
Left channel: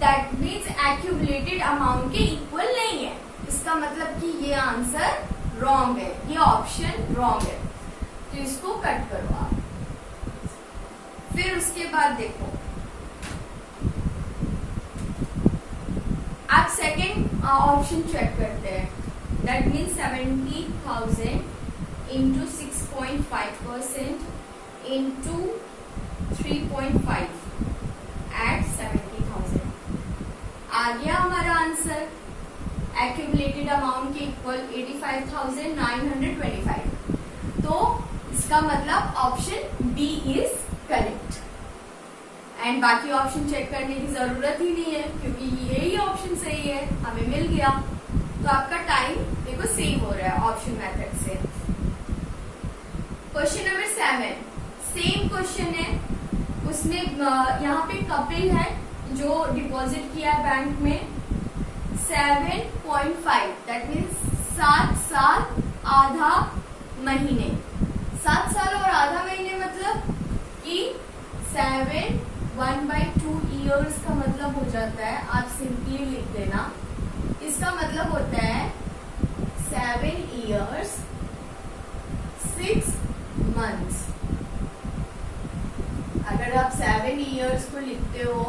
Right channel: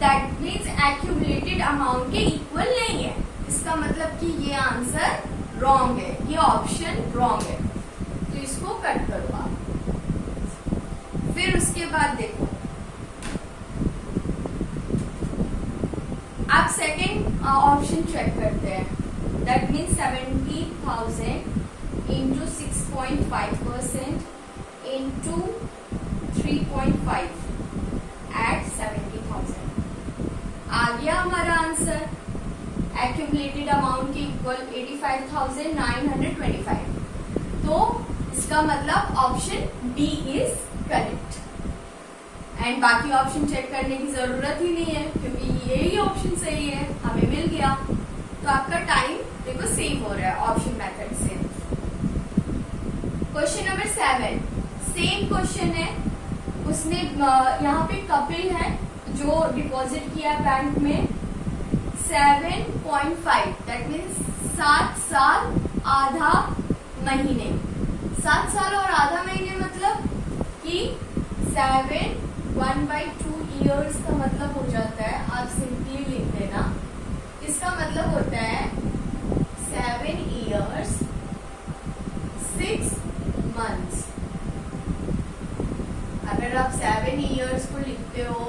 दैट मीन्स एक्यूमुलेटेड अमाउंट के इक्वल नहीं है। इसका मतलब कि ये आंसर रॉन्ग है, ये ऑप्शन रॉन्ग है। तो इसको कट करो आप। फिर उसके बाद देखो, आप सेकेंड ऑप्शन चेक करते हैं। That means 70,000 into 6.5% into 3.5 at 70,000 आ गया हमारा आंसर। एक्यूमुलेटेड अमाउंट के इक्वल 85,925। तो इसका मतलब option B is correct. And बाकी ऑप्शन चेक करने की जरूरत ही नहीं है, क्योंकि यही ऑप्शन सही है, हमें मिल गया। तो आपका टाइम देखो सेव हो रहा है ऑप्शन मेथड से। क्वेश्चन नंबर 7, सेम क्वेश्चन है। उसने यहाँ पे कपिल है जो डिपॉजिट किया बैंक में 7.5, दैट मीन्स 7 साल आधा महीने। 7 साल और आधा महीने मतलब कि 7 1/2 ईयर्स का मतलब हो जाता है, आप सिंपली लिख देना। इसका मतलब होता है 7 years 6 months। अगर आप 7 years को लिखते हो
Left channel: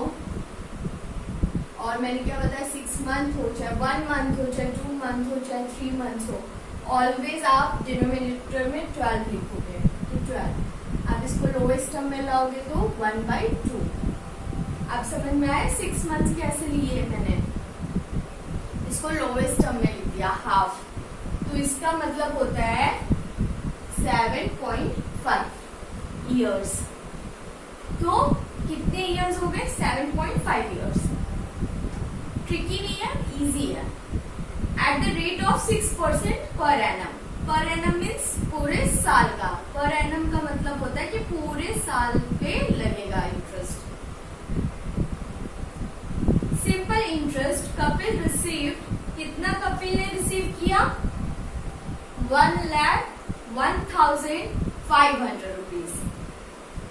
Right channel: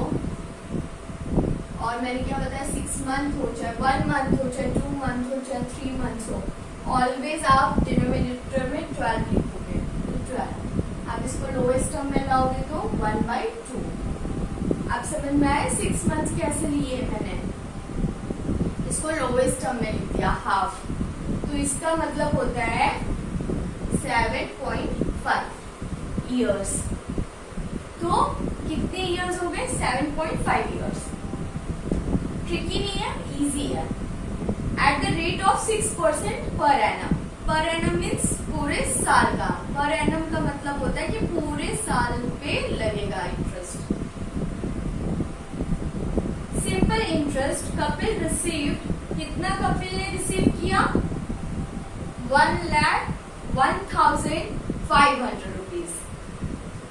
और मैंने क्या बताया 6 month हो चाहे 1 month हो चाहे 2 month हो चाहे 3 months हो, ऑलवेज आप डिनोमिनेटर में 12 लिखोगे। तो 12 आप इसको लोएस्ट टर्म में लाओगे तो 1/2। आप समझ में आए 6 months कैसे लिए मैंने, इसको लोएस्ट टर्म में लिख दिया हाफ। तो इसका मतलब होता है 7.5 years। तो कितने इयर्स हो गए, 7.5 years। ट्रिकी नहीं है, इजी है। At the rate of 6% per annum. Per annum means पूरे साल का। पर एनम का मतलब होता है कि पूरे साल पे लगेगा interest. Simple interest Kapil receive, कितना कपिल ने रिसीव किया, 1,01,500 rupees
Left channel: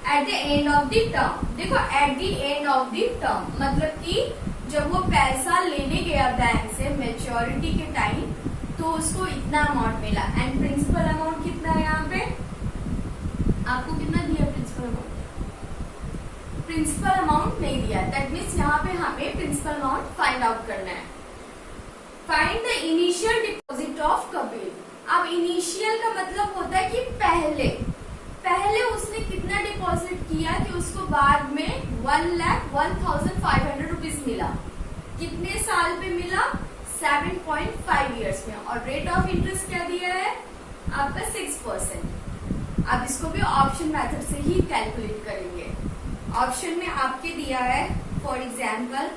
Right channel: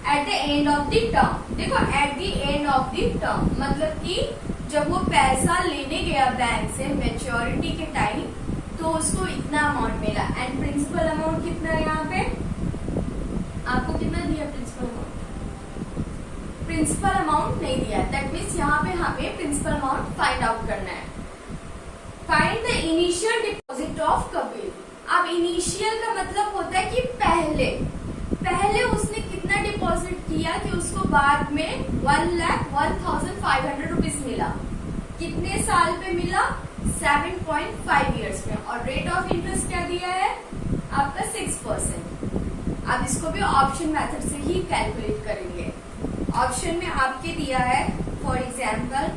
at the end of the term. देखो at the end of the term मतलब कि जब वो पैसा लेने गया बैंक से मैच्योरिटी के टाइम, तो उसको इतना अमाउंट मिला। एंड प्रिंसिपल अमाउंट कितना है यहाँ पे, आपको कितना दिया प्रिंसिपल अमाउंट, प्रिंसिपल अमाउंट नहीं दिया। दैट मीन्स यहाँ पे हमें प्रिंसिपल अमाउंट फाइंड आउट करना है। Find the initial deposit of Kapil. अब इनिशियल का मतलब होता है कि पहले उसने कितना डिपॉजिट किया कि उसको बाद में 1,01,500 रुपीज मिला। कितने साल पे मिला, 7.5 years में। और रेट ऑफ इंटरेस्ट क्या दिया है आपका 6%। अब इसको भी ऑप्शन मेथड से ही कैलकुलेट करेंगे। ऑप्शन में आपके दिया है फॉर एग्जाम्पल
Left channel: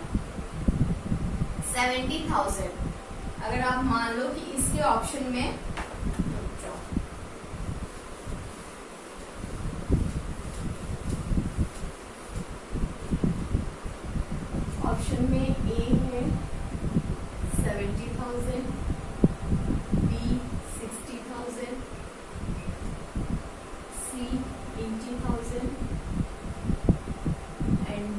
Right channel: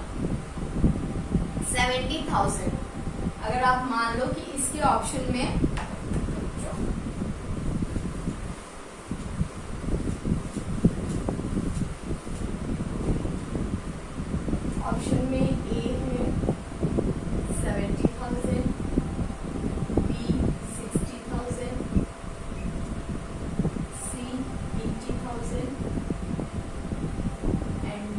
70,000। अगर आप मान लो कि इसके ऑप्शन में ए है 70,000, बी 60,000, सी 80,000 एंड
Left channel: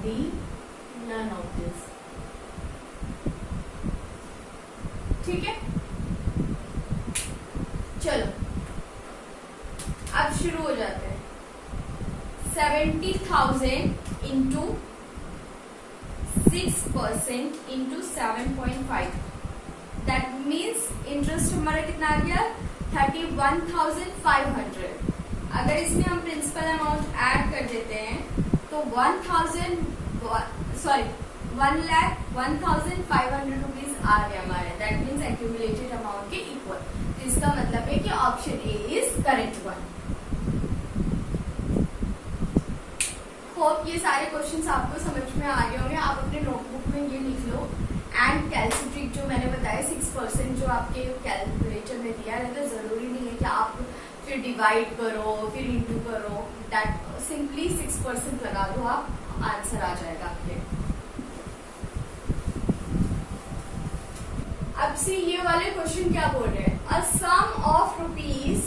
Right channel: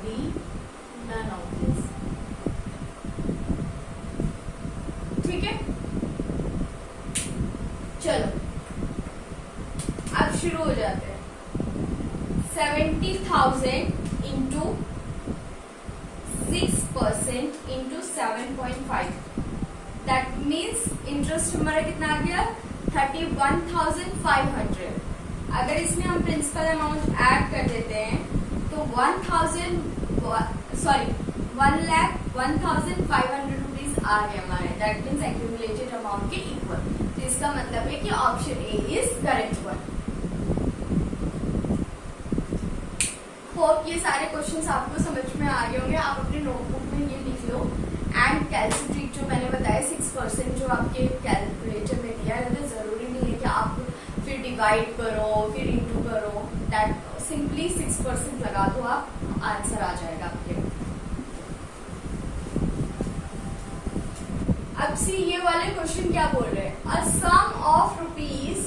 चलो अब शुरू हो जाते हैं। 70,000 into 6% into 7.5, that means interest हमारा कितना आ गया 31,500। अगर इसमें हम प्रिंसिपल अमाउंट ऐड कर देते हैं तो 1,1,500 रुपीज आ रहे हमारे, दैट मीन्स एक्यूमुलेटेड अमाउंट के इक्वल। तो इसका मतलब है कि option A is correct one. Hope ये सारे क्वेश्चंस आपको समझ में आ गए होंगे। आप अपने नोटबुक में ये लिख लो एंड कैलकुलेट जो मैंने बताया 6% जो आपके कैलकुलेटर में दिया है, तो जरूरी नहीं है कि आप फिर डिवाइड करो फिर इंटू करो, दैट सिंपली 6% लगा दो, आप आंसर आ जाएगा आपके। अब सी ये वाले क्वेश्चन क्या बोल रहे हैं, अ sum of rupees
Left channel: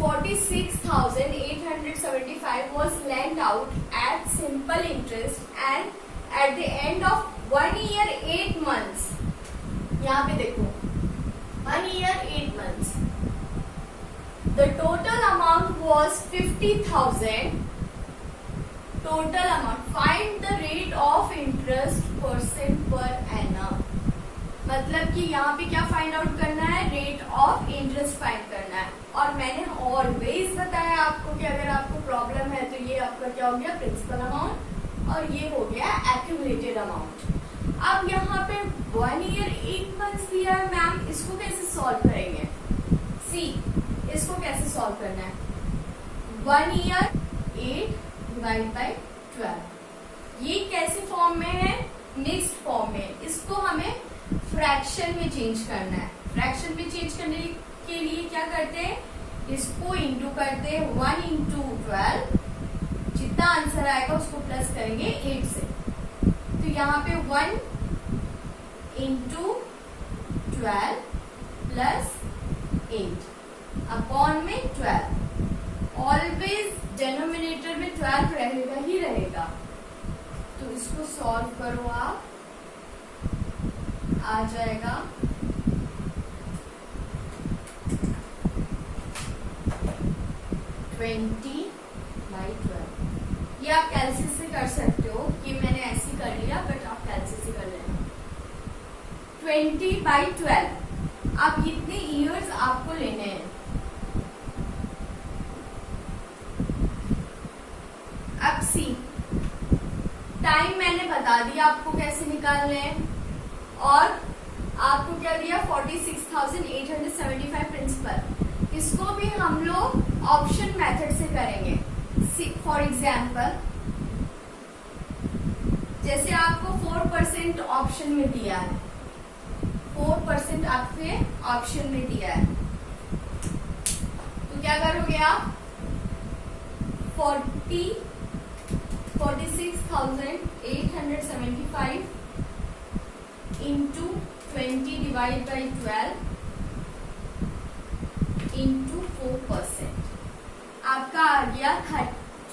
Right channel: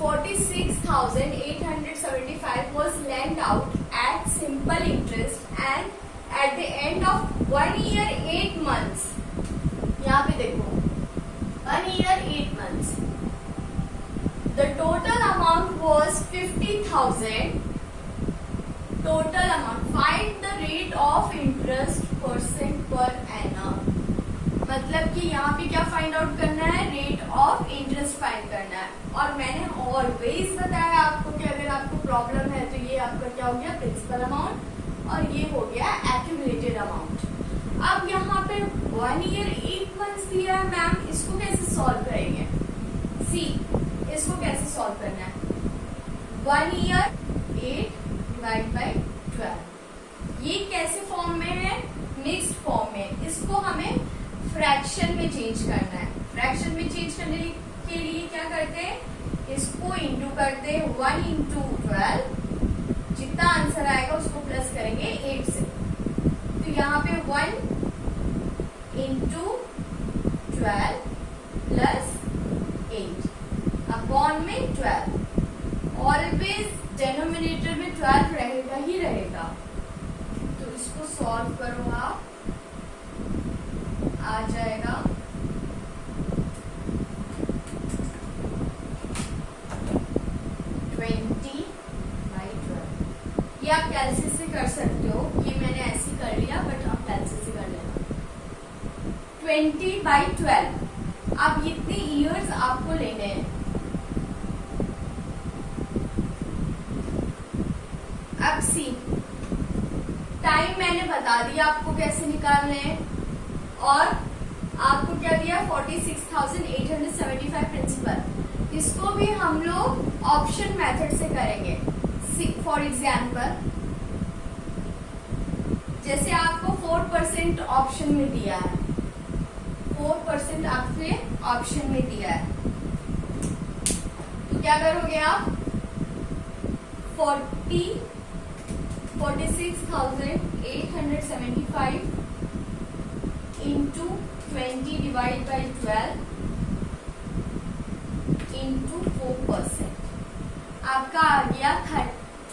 46,875 was lent out at simple interest and at the end of 1 year 8 months, यहाँ पे देखो 1 year 8 months, the total amount was 50,000. Total amount, find the rate of interest percent per annum। मतलब कि यहाँ पे क्या find out करना है, रेट ऑफ इंटरेस्ट फाइंड करना है। और मैंने ऑलवेज बताया आपको कि अगर आपको प्रॉब्लम है तो ये आपका क्या हो गया प्रिंसिपल अमाउंट और ये हो गया एक्यूमुलेटेड अमाउंट। अब यहाँ पे 1 year 8 months दिया है मैम, इसको कैसे सॉल्व करेंगे? सी इसको कैसे सॉल्व करना है, 1 year 8 डिवाइड बाई 12, ये कैसे फॉर्म में है, मिक्स्ड फॉर्म में। इसको हमें फ्रैक्शन में चेंज करना है। फ्रैक्शन में चेंज करने के लिए क्या करते हैं, इसको इंटू करते हैं 1 into 12, जितना आंसर आएगा उसको प्लस करेंगे 8 से। तो यहाँ पे 1 into 12 प्लस 8 अपॉन में 12। ऑलवेज डिनोमिनेटर में 12 रहेगा ही रहेगा। तो इसको सॉल्व करो आप, आ जाएगा 20/12। ये आप कैलकुलेट से कर सकते हो, ये मैंने ऐसे कर लिया बट आप कैलकुलेट से कर लेना। 20/12, अब इतने ईयर्स आपको लेने हैं। अब सी टाइम मैंने बता दिया आपको कैसे निकालने हैं, और आपको क्या दिया 46,875 प्रिंसिपल। इसको भी हम लोग ऑप्शन मेथड से करेंगे। फॉर एग्जाम्पल जैसे आपको 4% ऑप्शन में दिया है, 4% आपके ऑप्शन में दिया है, तो क्या करोगे आप 46,875 इंटू 20 डिवाइड बाई 12 इंटू 4%, आपका आ गया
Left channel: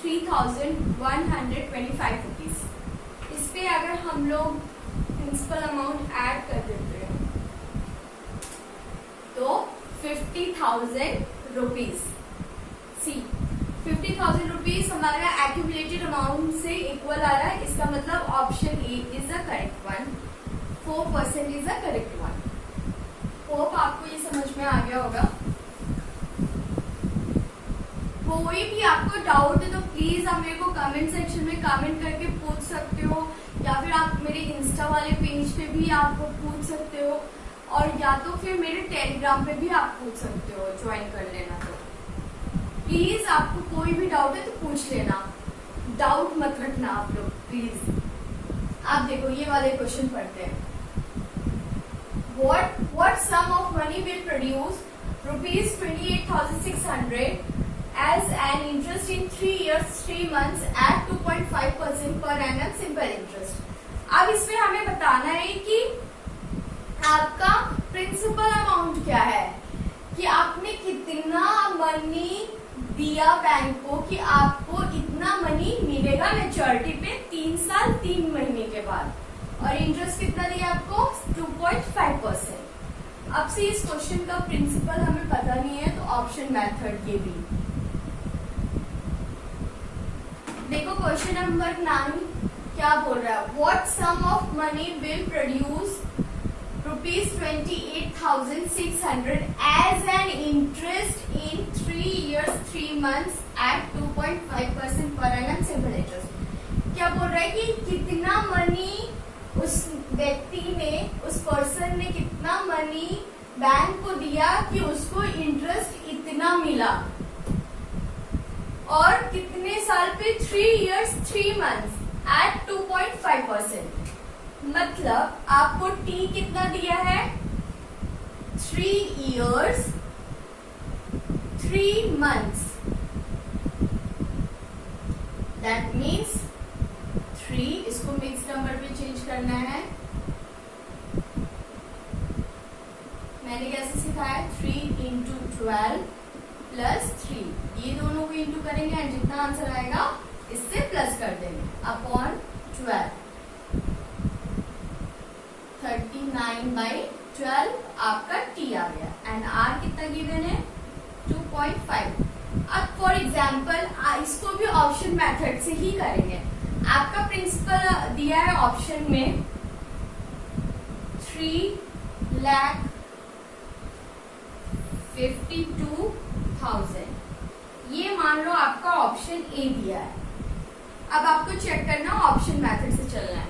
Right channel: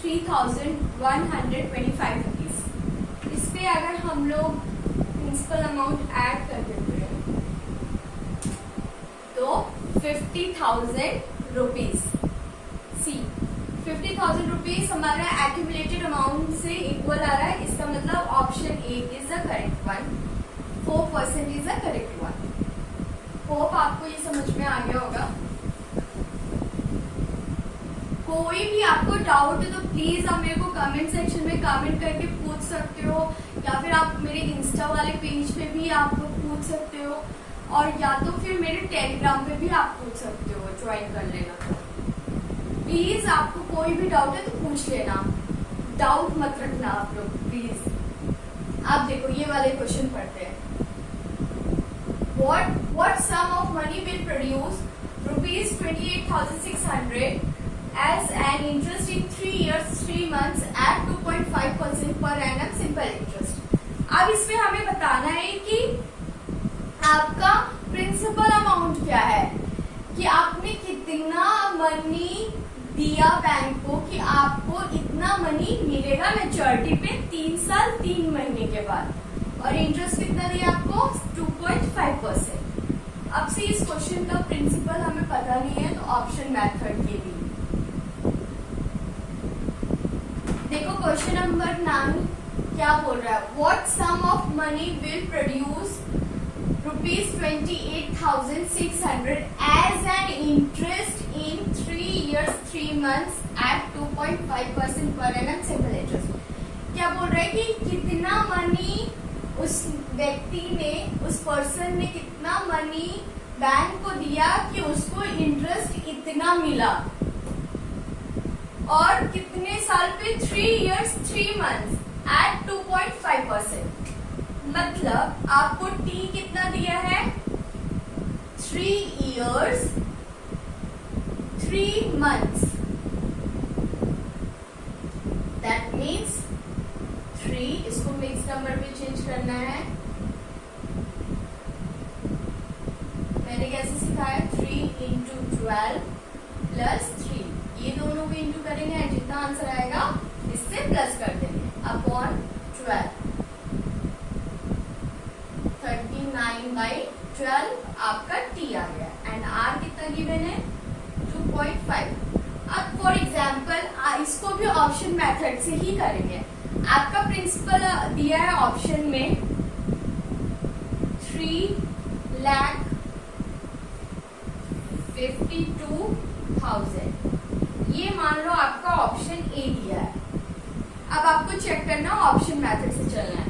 3,125 रुपीज। इस पे अगर हम लोग प्रिंसिपल अमाउंट ऐड कर देते हैं तो 50,000 रुपीज। सी 50,000 रुपीज हमारा एक्यूमुलेटेड अमाउंट से इक्वल आ रहा है। इसका मतलब option A is the correct one, 4% is the correct one. Hope आपको ये समझ में आ गया होगा। कोई भी आपको डाउट है तो प्लीज आप मेरे को कमेंट सेक्शन में कमेंट करके पूछ सकते हो, या फिर आप मेरे इंस्टा वाले पेज पे भी आप पूछ सकते हो, और या तो फिर मेरे टेलीग्राम पे भी आप पूछ सकते हो, ज्वाइन कर लेना। तो प्लीज आपको कोई भी डाउट है तो पूछ लेना, डाउट मत रखना आप लोग प्लीज। आप देखो ये वाले क्वेश्चन पढ़ते हैं। What sum of money will produce ₹28,600 as an interest in 3 years 3 months at 2.5% per annum simple interest। अब इसमें हमें बताना है कि आपका प्रिंसिपल अमाउंट क्या है, कि आपने कितना मनी दिया बैंक को कि आपको इतना मनी मिलेगा मैच्योरिटी पे 3 साल 3 महीने के बाद, और इंटरेस्ट कितना दिया आपको 2.5%। अब से इस क्वेश्चन का प्रिंसिपल हमें पता नहीं है तो ऑप्शन मेथड के भी देखो। क्वेश्चन नंबर 9 क्या बोल रहा है, what sum of money will produce ₹28,600 as an interest in 3 years 3 months at 2.5% per annum simple interest. क्या बोल रहा है कि कितना मनी उस व्यक्ति ने, उस पर्सन ने कितना मनी बैंक को दिया कि उसको इंटरेस्ट इतना मिला, और कितने साल पे 3 years 3 months at 2.5%। मतलब आपको टी कितना दिया है, 3 years 3 months, दैट मीन्स 3, इसको मिक्स नंबर में चेंज करना है। मैंने कैसे सिखाया, 3 into 12 plus 3, ये दोनों को इंटू करेंगे एंड जितना आंसर आएगा इससे प्लस कर देंगे अपॉन 12। 39/12 आपका टी आ गया एंड आर कितना गिवन है, 2.5। अब फॉर एग्जाम्पल इसको भी ऑप्शन मेथड से ही करेंगे। आपका प्रिंसिपल दिया है ऑप्शन में 3,52,000, ये मान लो आपका ऑप्शन ए दिया है। अब आपको चेक करना ऑप्शन मेथड से चलना है।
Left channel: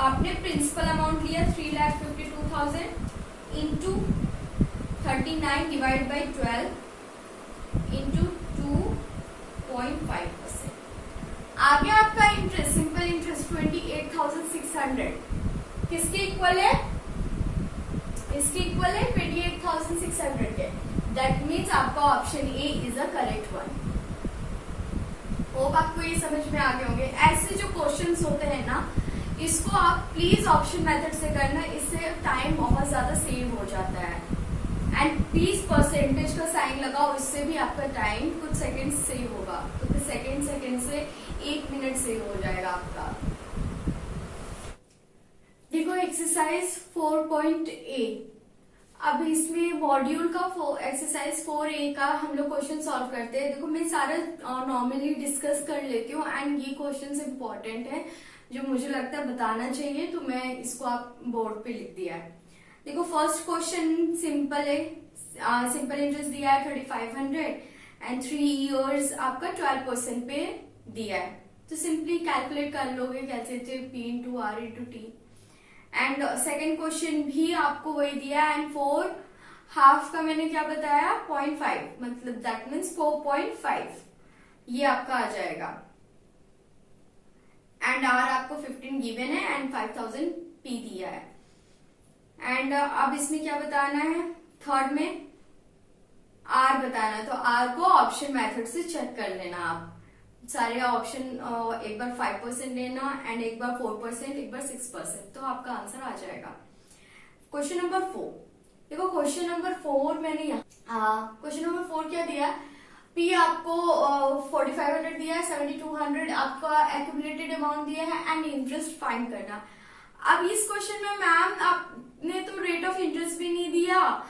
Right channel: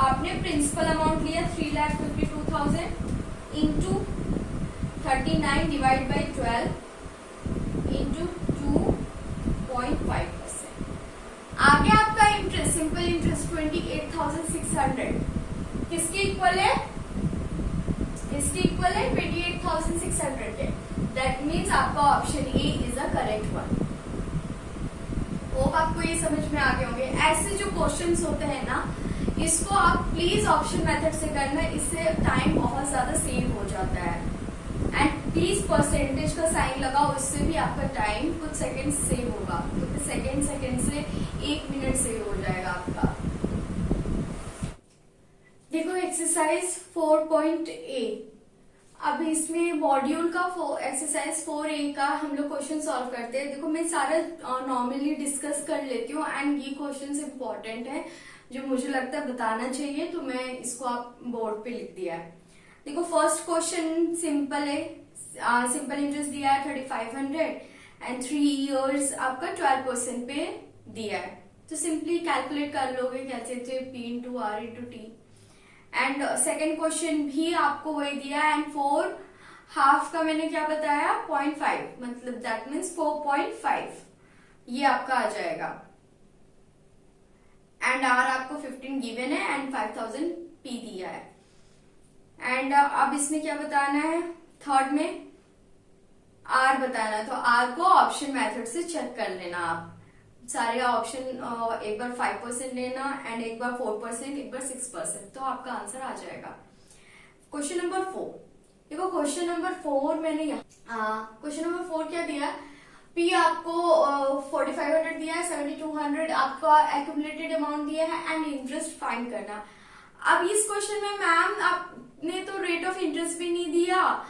आपने प्रिंसिपल अमाउंट लिया 3,52,000 इंटू 39 डिवाइड बाई 12 इंटू 2.5%। आगे आपका इंटरेस्ट, सिंपल इंटरेस्ट 28,600 किसके इक्वल है, इसके इक्वल है 28,600 के। दैट मीन्स आपका option A is a correct one. Hope आपको ये समझ में आ गए होंगे। ऐसे जो क्वेश्चंस होते हैं ना, इसको आप प्लीज ऑप्शन मेथड से करना, इससे टाइम बहुत ज्यादा सेव हो जाता है। एंड प्लीज परसेंटेज का साइन लगाओ, इससे भी आपका टाइम कुछ सेकंड सेव होगा, क्योंकि सेकंड से 1 मिनट सेव हो जाएगा आपका। देखो एक्सरसाइज 4.A, अब इसमें मॉड्यूल का एक्सरसाइज 4A का हम लोग क्वेश्चन सॉल्व करते हैं। देखो मैं सारा नॉर्मली डिस्कस कर लेती हूँ एंड ये क्वेश्चंस इम्पोर्टेंट है जो मुझे लगता है बताना चाहिए, तो मैं इसको आप बोर्ड पे लिख दिया है। देखो फर्स्ट क्वेश्चन सिंपल है, सिंपल इंटरेस्ट दिया है 3,500 एंड 3 years आपका 12% पे दिया है, तो सिंपली कैलकुलेट कर लोगे कैसे थे, P into R into T. And second question भी आपको वही दिया एंड 4 हाफ का मैंने क्या बताया 0.5, मतलब दैट मीन्स 4.5 ये आपका आ जाएगा। एंड आर आपको 15 गिवन है एंड 5,000 पी दिया है। एंड अब इसमें क्या बताना है, थर्ड में आर बताना, तो आर को ऑप्शन मेथड से चेक कर लेना आप सारे ऑप्शन, एक बार 5% लेना एंड एक बार 4%, एक बार 6%, तो आपका आंसर आ जाएगा। क्वेश्चन नंबर 4, देखो क्वेश्चन नंबर 4 मैंने यहाँ क्वेश्चन नंबर 4 क्या दिया, पी आपको 4,500 दिया है, 7,200 आपका एक्यूमुलेटेड अमाउंट दिया है एंड इंटरेस्ट फाइंड करना। अब इस क्वेश्चन में मैम आपने तो रेट ऑफ इंटरेस्ट भी नहीं दिया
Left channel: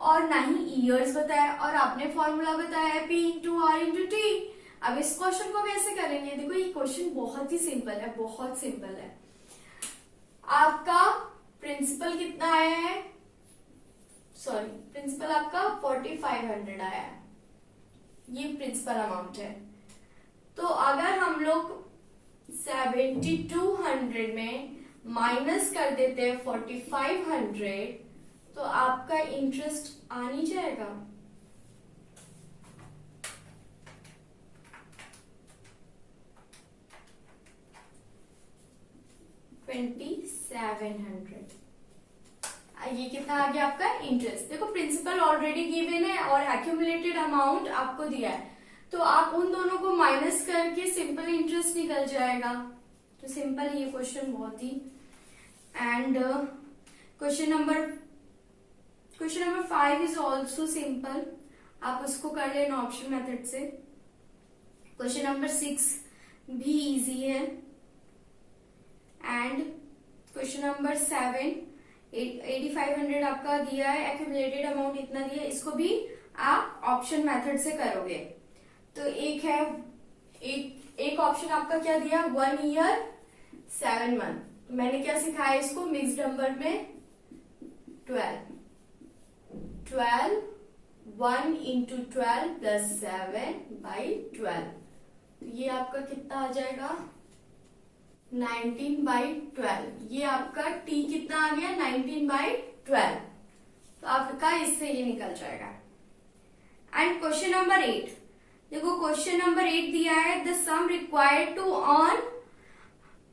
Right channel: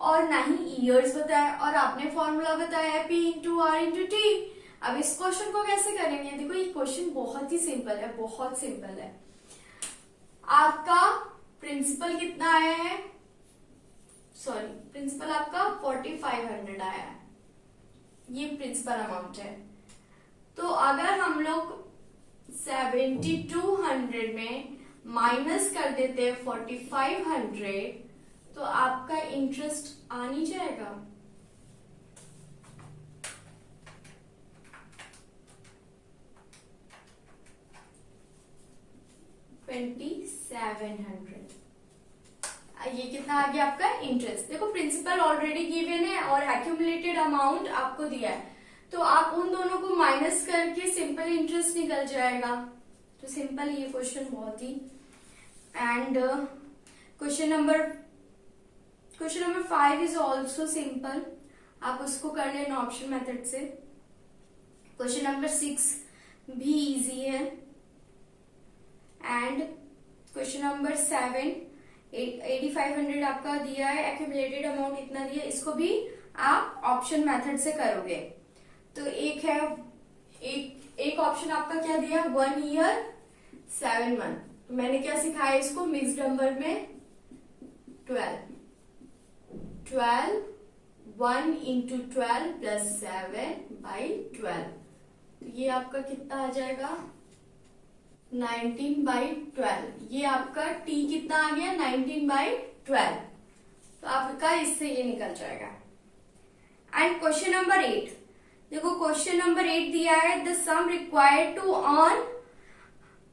और ना ही ईयर्स बताया और आपने फॉर्मूला बताया P into R into T. अब इस क्वेश्चन को कैसे करेंगे, देखो ये क्वेश्चन बहुत ही सिंपल है, बहुत सिंपल है। आपका प्रिंसिपल कितना आया है, सॉरी प्रिंसिपल आपका 4,500 आया है, ये प्रिंसिपल अमाउंट है। तो अगर हम लोग 7,200 में माइनस कर देते हैं 4,500 तो आपका इंटरेस्ट आ नहीं जाएगा, $2,700। ये कितना आ गया आपका इंटरेस्ट। देखो प्रिंसिपल ऑलरेडी गिवन है और एक्यूमुलेटेड अमाउंट आपको दिया है, तो आप उन दोनों को माइनस करके सिंपल इंटरेस्ट निकल जाएगा। तो सिंपल ये क्वेश्चन बहुत ही। And question number 5 is also simple, आप उसको कर लेना ऑप्शन मेथड से। क्वेश्चन नंबर 6 भी इजी है एंड क्वेश्चन नंबर 7 8500 आपका दिया है, एक्यूमुलेटेड अमाउंट इतना दिया है, इसको भी आप ऑप्शन मेथड से करोगे। तो एक है, एक ऑप्शन आपका क्या दिया, 1 ईयर 7 मंथ। तो मैंने क्या सिखाया इसको, मिक्स्ड नंबर में 12 1 इंटू 12 प्लस 7/12। तो ये आपका कितना आ जाएगा, 19/12। ये आपका t कितना आ गया, 19/12। तो आपका इससे ये निकल जाएगा। एंड क्वेश्चन नंबर 8, देखो क्वेश्चन नंबर 8 दिया है, the sum required to earn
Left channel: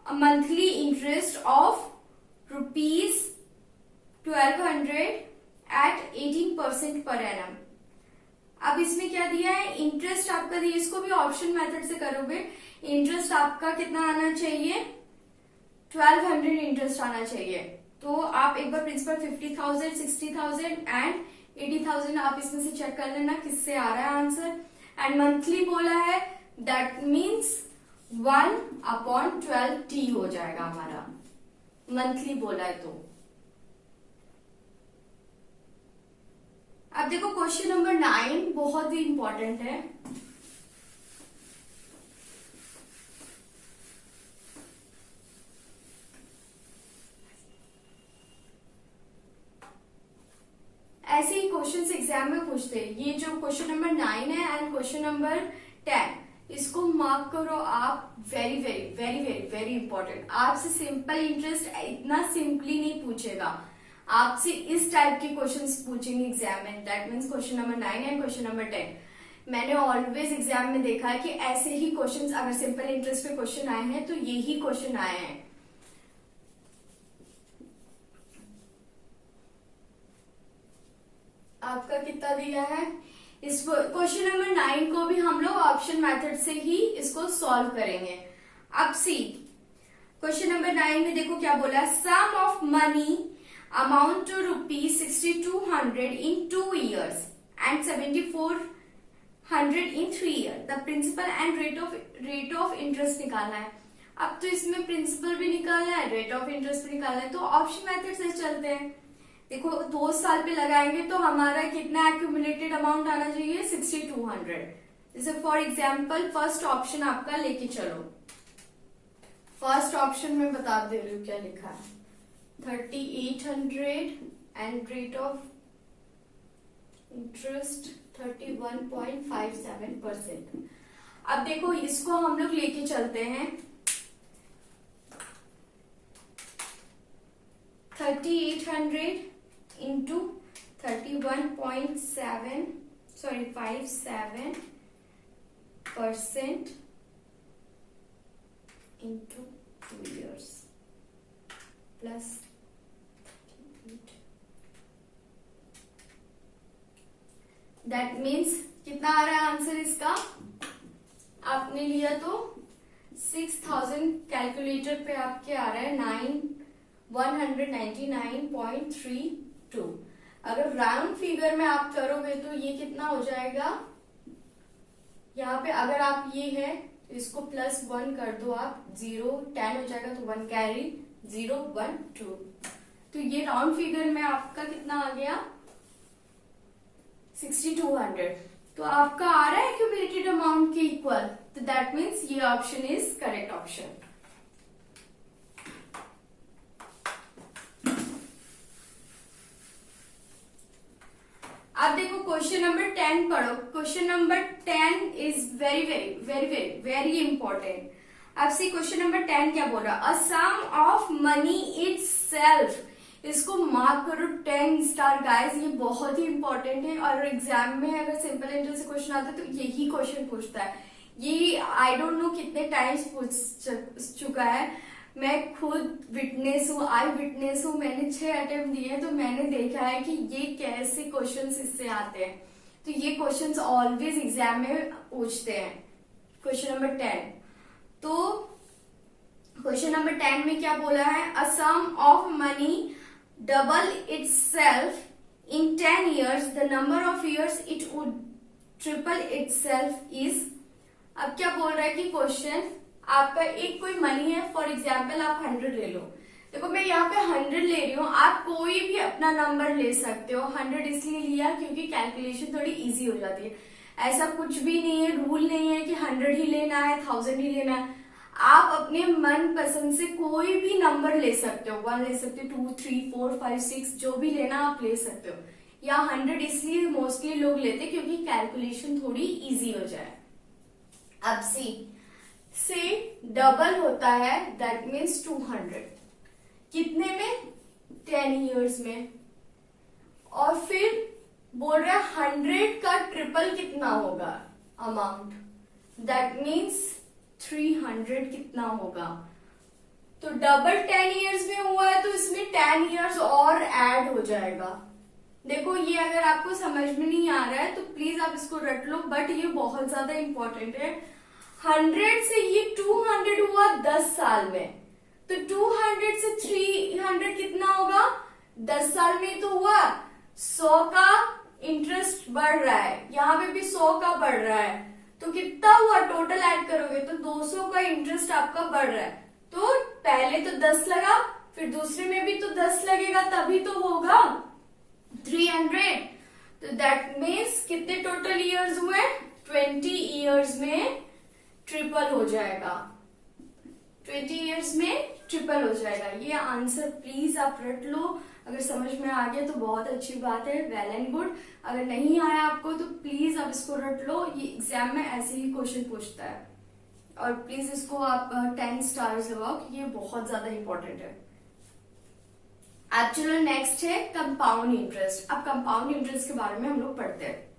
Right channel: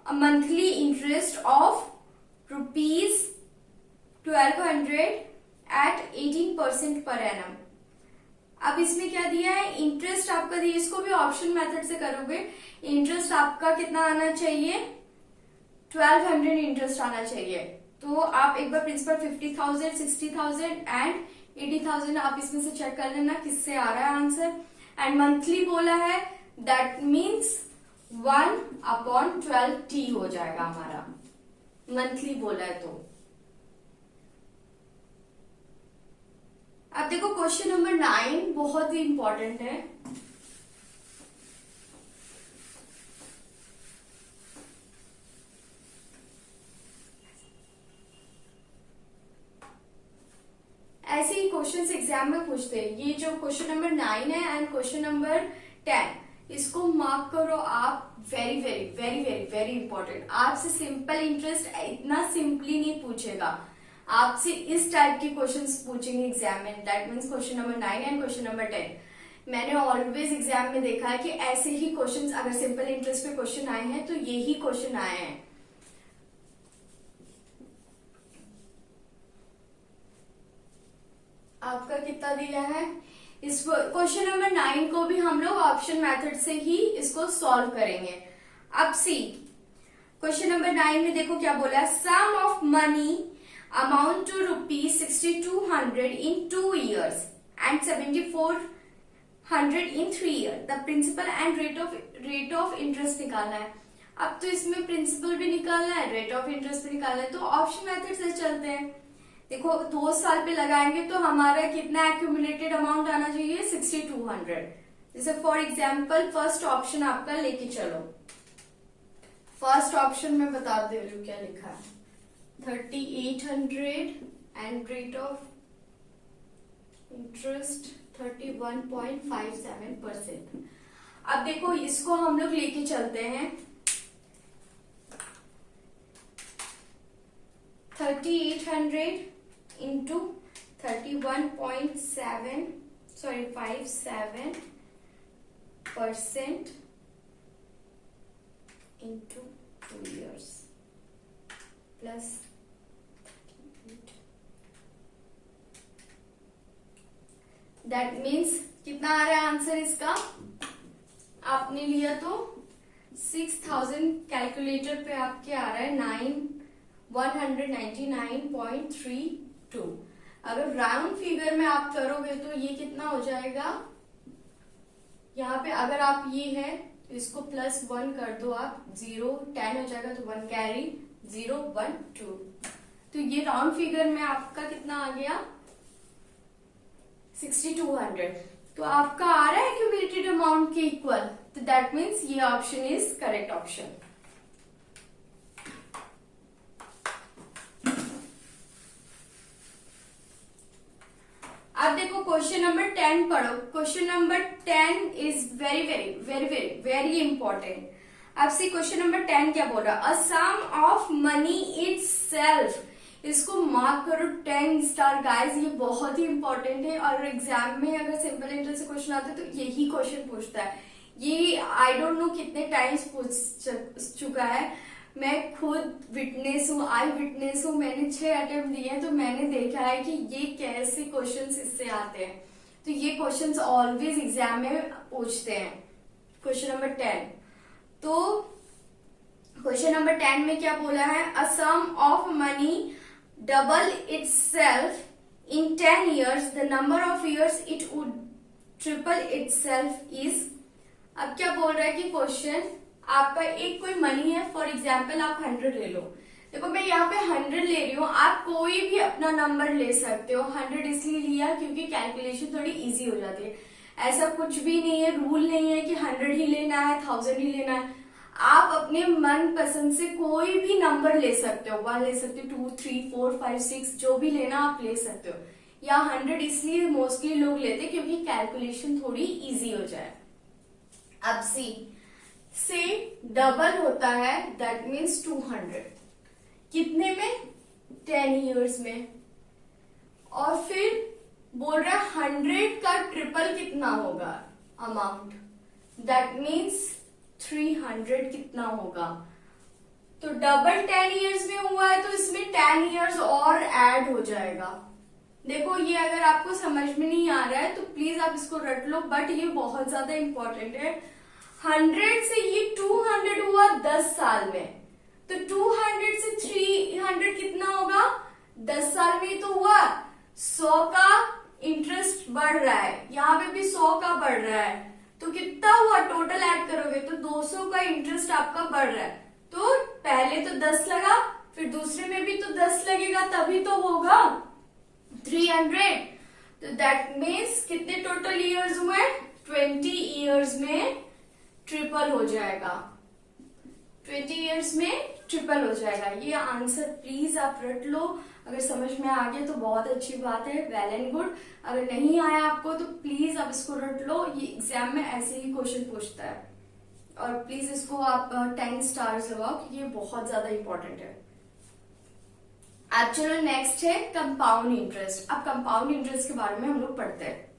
monthly interest of ₹1200 at 18% per annum. अब इसमें क्या दिया है, इंटरेस्ट आपका दिया, इसको भी ऑप्शन मेथड से करोगे। इंटरेस्ट आपका कितना आना चाहिए, 1200 इंटरेस्ट आना चाहिए। तो आप एक बार प्रिंसिपल 50,000, 60,000 एंड 80,000 आप इसमें से चेक कर लेना किससे आ रहा है आंसर। एंड मंथली बोला है, दैट मीन्स 1/12t हो जाएगा हमारा, मंथली बोला है तो। अब देखो क्वेश्चन नंबर 9 बहुत ही इंपॉर्टेंट है। ऐसे ही क्वेश्चन एग्जाम में पूछते हैं। ये जो क्वेश्चन नंबर 9 है एंड क्वेश्चन नंबर 10, इसको मार्क करो आप, very very very very very important. आपसे सिंपल इंटरेस्ट इतना सिंपली नहीं पूछेगा, आपसे इस टाइप के क्वेश्चंस पूछेंगे एग्जाम में। That means question number 9 and question number 10। मैंने ऑलवेज एग्जाम में देखा है कि ऐसे ही क्वेश्चंस, अगर सिंपल इंटरेस्ट पे क्वेश्चन आए हैं तो यही क्वेश्चन आए हैं। आपका कितना दिया है, इस क्वेश्चन नंबर 9 को भी हम लोग ऑप्शन मेथड से ही इसको सॉल्व करेंगे। अब सी क्वेश्चन नंबर 9 में देखो क्या बोला है, sum of money amount to ₹6200 in 2 years and 7400 in 3 years। The principal and rate of interest निकालना है। अब तो इसमें प्रिंसिपल भी निकालना है, रेट ऑफ इंटरेस्ट भी निकालना है, तो ऑप्शन मेथड से चलते हैं। देखो 2 साल पे लगाएंगे तो हमारा कितना एक्यूमुलेटेड अमाउंट आना चाहिए, 6200। जैसे फॉर एग्जाम्पल फर्स्ट ऑप्शन आपका लेके चलो। फर्स्ट ऑप्शन में बता दे रही हूँ क्या लिखा है, 3800 एंड रेट ऑफ इंटरेस्ट 31.57%। अब देखो इसको हम लोग लेके चलते हैं, 3800 into 57% into 2 years plus 38। That means कितना आ रहा है आंसर इसका, आपने लिया तो 6000, कैलकुलेटर पे आपके आ रहा है 199.32। अगर राउंड फिगर में आप करोगे तो ये कितना हो जाएगा, यहाँ पे अगर आप ये है तो इसको +1 कर दो आप, 0 10 हो जाएगा, तो 1 कैरी 0 1 2। तो ये राउंड फिगर में आपका कितना आ गया, 6200। तो आपका आ रहा है एक्यूमुलेटेड अमाउंट के इक्वल, तो दैट मीन्स ये ऑप्शन इज करेक्ट ऑप्शन। अब देखो क्वेश्चन नंबर 10 पढ़ो। Question number 10 is very very very very very important. अब सी क्वेश्चन नंबर 10 क्या बोल रहा है, a sum of money itself, इसको मार्क करो 10 स्टार गाइस, ये बहुत ही इंपॉर्टेंट है। और एग्जाम में अगर सिंपल इंटरेस्ट से क्वेश्चन आता है तो यही क्वेश्चन पूछता है। ये आई डोंट नो कितने टाइम्स पूछ चुका है, मैं खुद विटनेस हूँ, आई विटनेस हूँ। मैंने 6 अटेम्प्ट दिए तो मैंने देखा है कि ये कैसे क्वेश्चंस इससे आते हैं। तो ये क्वेश्चंस ऑलवेज एग्जाम में पूछते हैं। क्वेश्चन नंबर 10, तो क्वेश्चन नंबर 10 में क्या बोला है, a sum of money double itself in 10 years, the number of years it would triple itself is। अब क्या बोल रहा है कि क्वेश्चन आपका एक कोई मनी है, फॉर एग्जाम्पल आप 100 ले लो, देखो मैं यहाँ पे 100 ले रही हूँ, आप कोई भी अपना नंबर ले सकते हो। 100 इसलिए लिया क्योंकि कैलकुलेशन थोड़ी इजी हो जाती है। ऐसा कुछ भी नहीं है, रूल नहीं है कि 100 ही लेना है, 1000 ही लेना है। आप अपने मन पसंद से कोई भी नंबर ले सकते हो, 1 ले सकते हो, 2, 3, 4, 5, 6, जो भी लेना आप ले सकते हो। या 100 इसलिए मोस्टली लोग लेते क्योंकि कैलकुलेशन थोड़ी इजी हो जाए। अब से डबल होता है, दैट मीन्स 200। कितने में? 10 इयर्स में। और फिर बोल रहा है 100 का ट्रिपल कितना होगा अमाउंट, दैट मीन्स 300 कितना होगा। तो डबल 10 इयर्स में हुआ है तो इसमें 10 इयर्स और ऐड हो जाएगा। देखो ये अगर आपको समझ में नहीं आ रहा है तो प्लीज आप इसको रट लो, बट ये बहुत ज्यादा इंपॉर्टेंट है। 100 से ये 200 हुआ 10 साल में, तो 200 से 300 कितना होगा? 10 साल में तो हुआ। 100 का इंटरेस्ट बढ़ रहा है, यहाँ पे भी 100 का बढ़ रहा है, तो कितना हुआ? टोटल ऐड करोगे तो 200 का इंटरेस्ट आपका बढ़ रहा है। तो पहले तो 10 लगा, फिर दूसरे में भी तो 10 लगेगा, तभी तो होगा 300। तो दैट मीन्स कितने टोटल इयर्स हुए? 20 इयर्स में ट्रिपल हो जाएगा। 20 इयर्स में ट्रिपल हो जाएगा। ये आंसर प्लीज आप रट लो। अगर समझ में आ गया तो बहुत अच्छी बात है, वेल एंड गुड। अगर नहीं आया आपको तो प्लीज आप इसको रट लो, ये एग्जाम में ऐसे ही क्वेश्चन पूछता है। और प्लीज इसको आप 10 स्टार्स लगाओ क्योंकि ये बहुत ज्यादा इंपॉर्टेंट है। अब चलो नेक्स्ट है कंपाउंड इंटरेस्ट। अब कंपाउंड इंटरेस्ट के बारे में हम लोग पढ़ते हैं।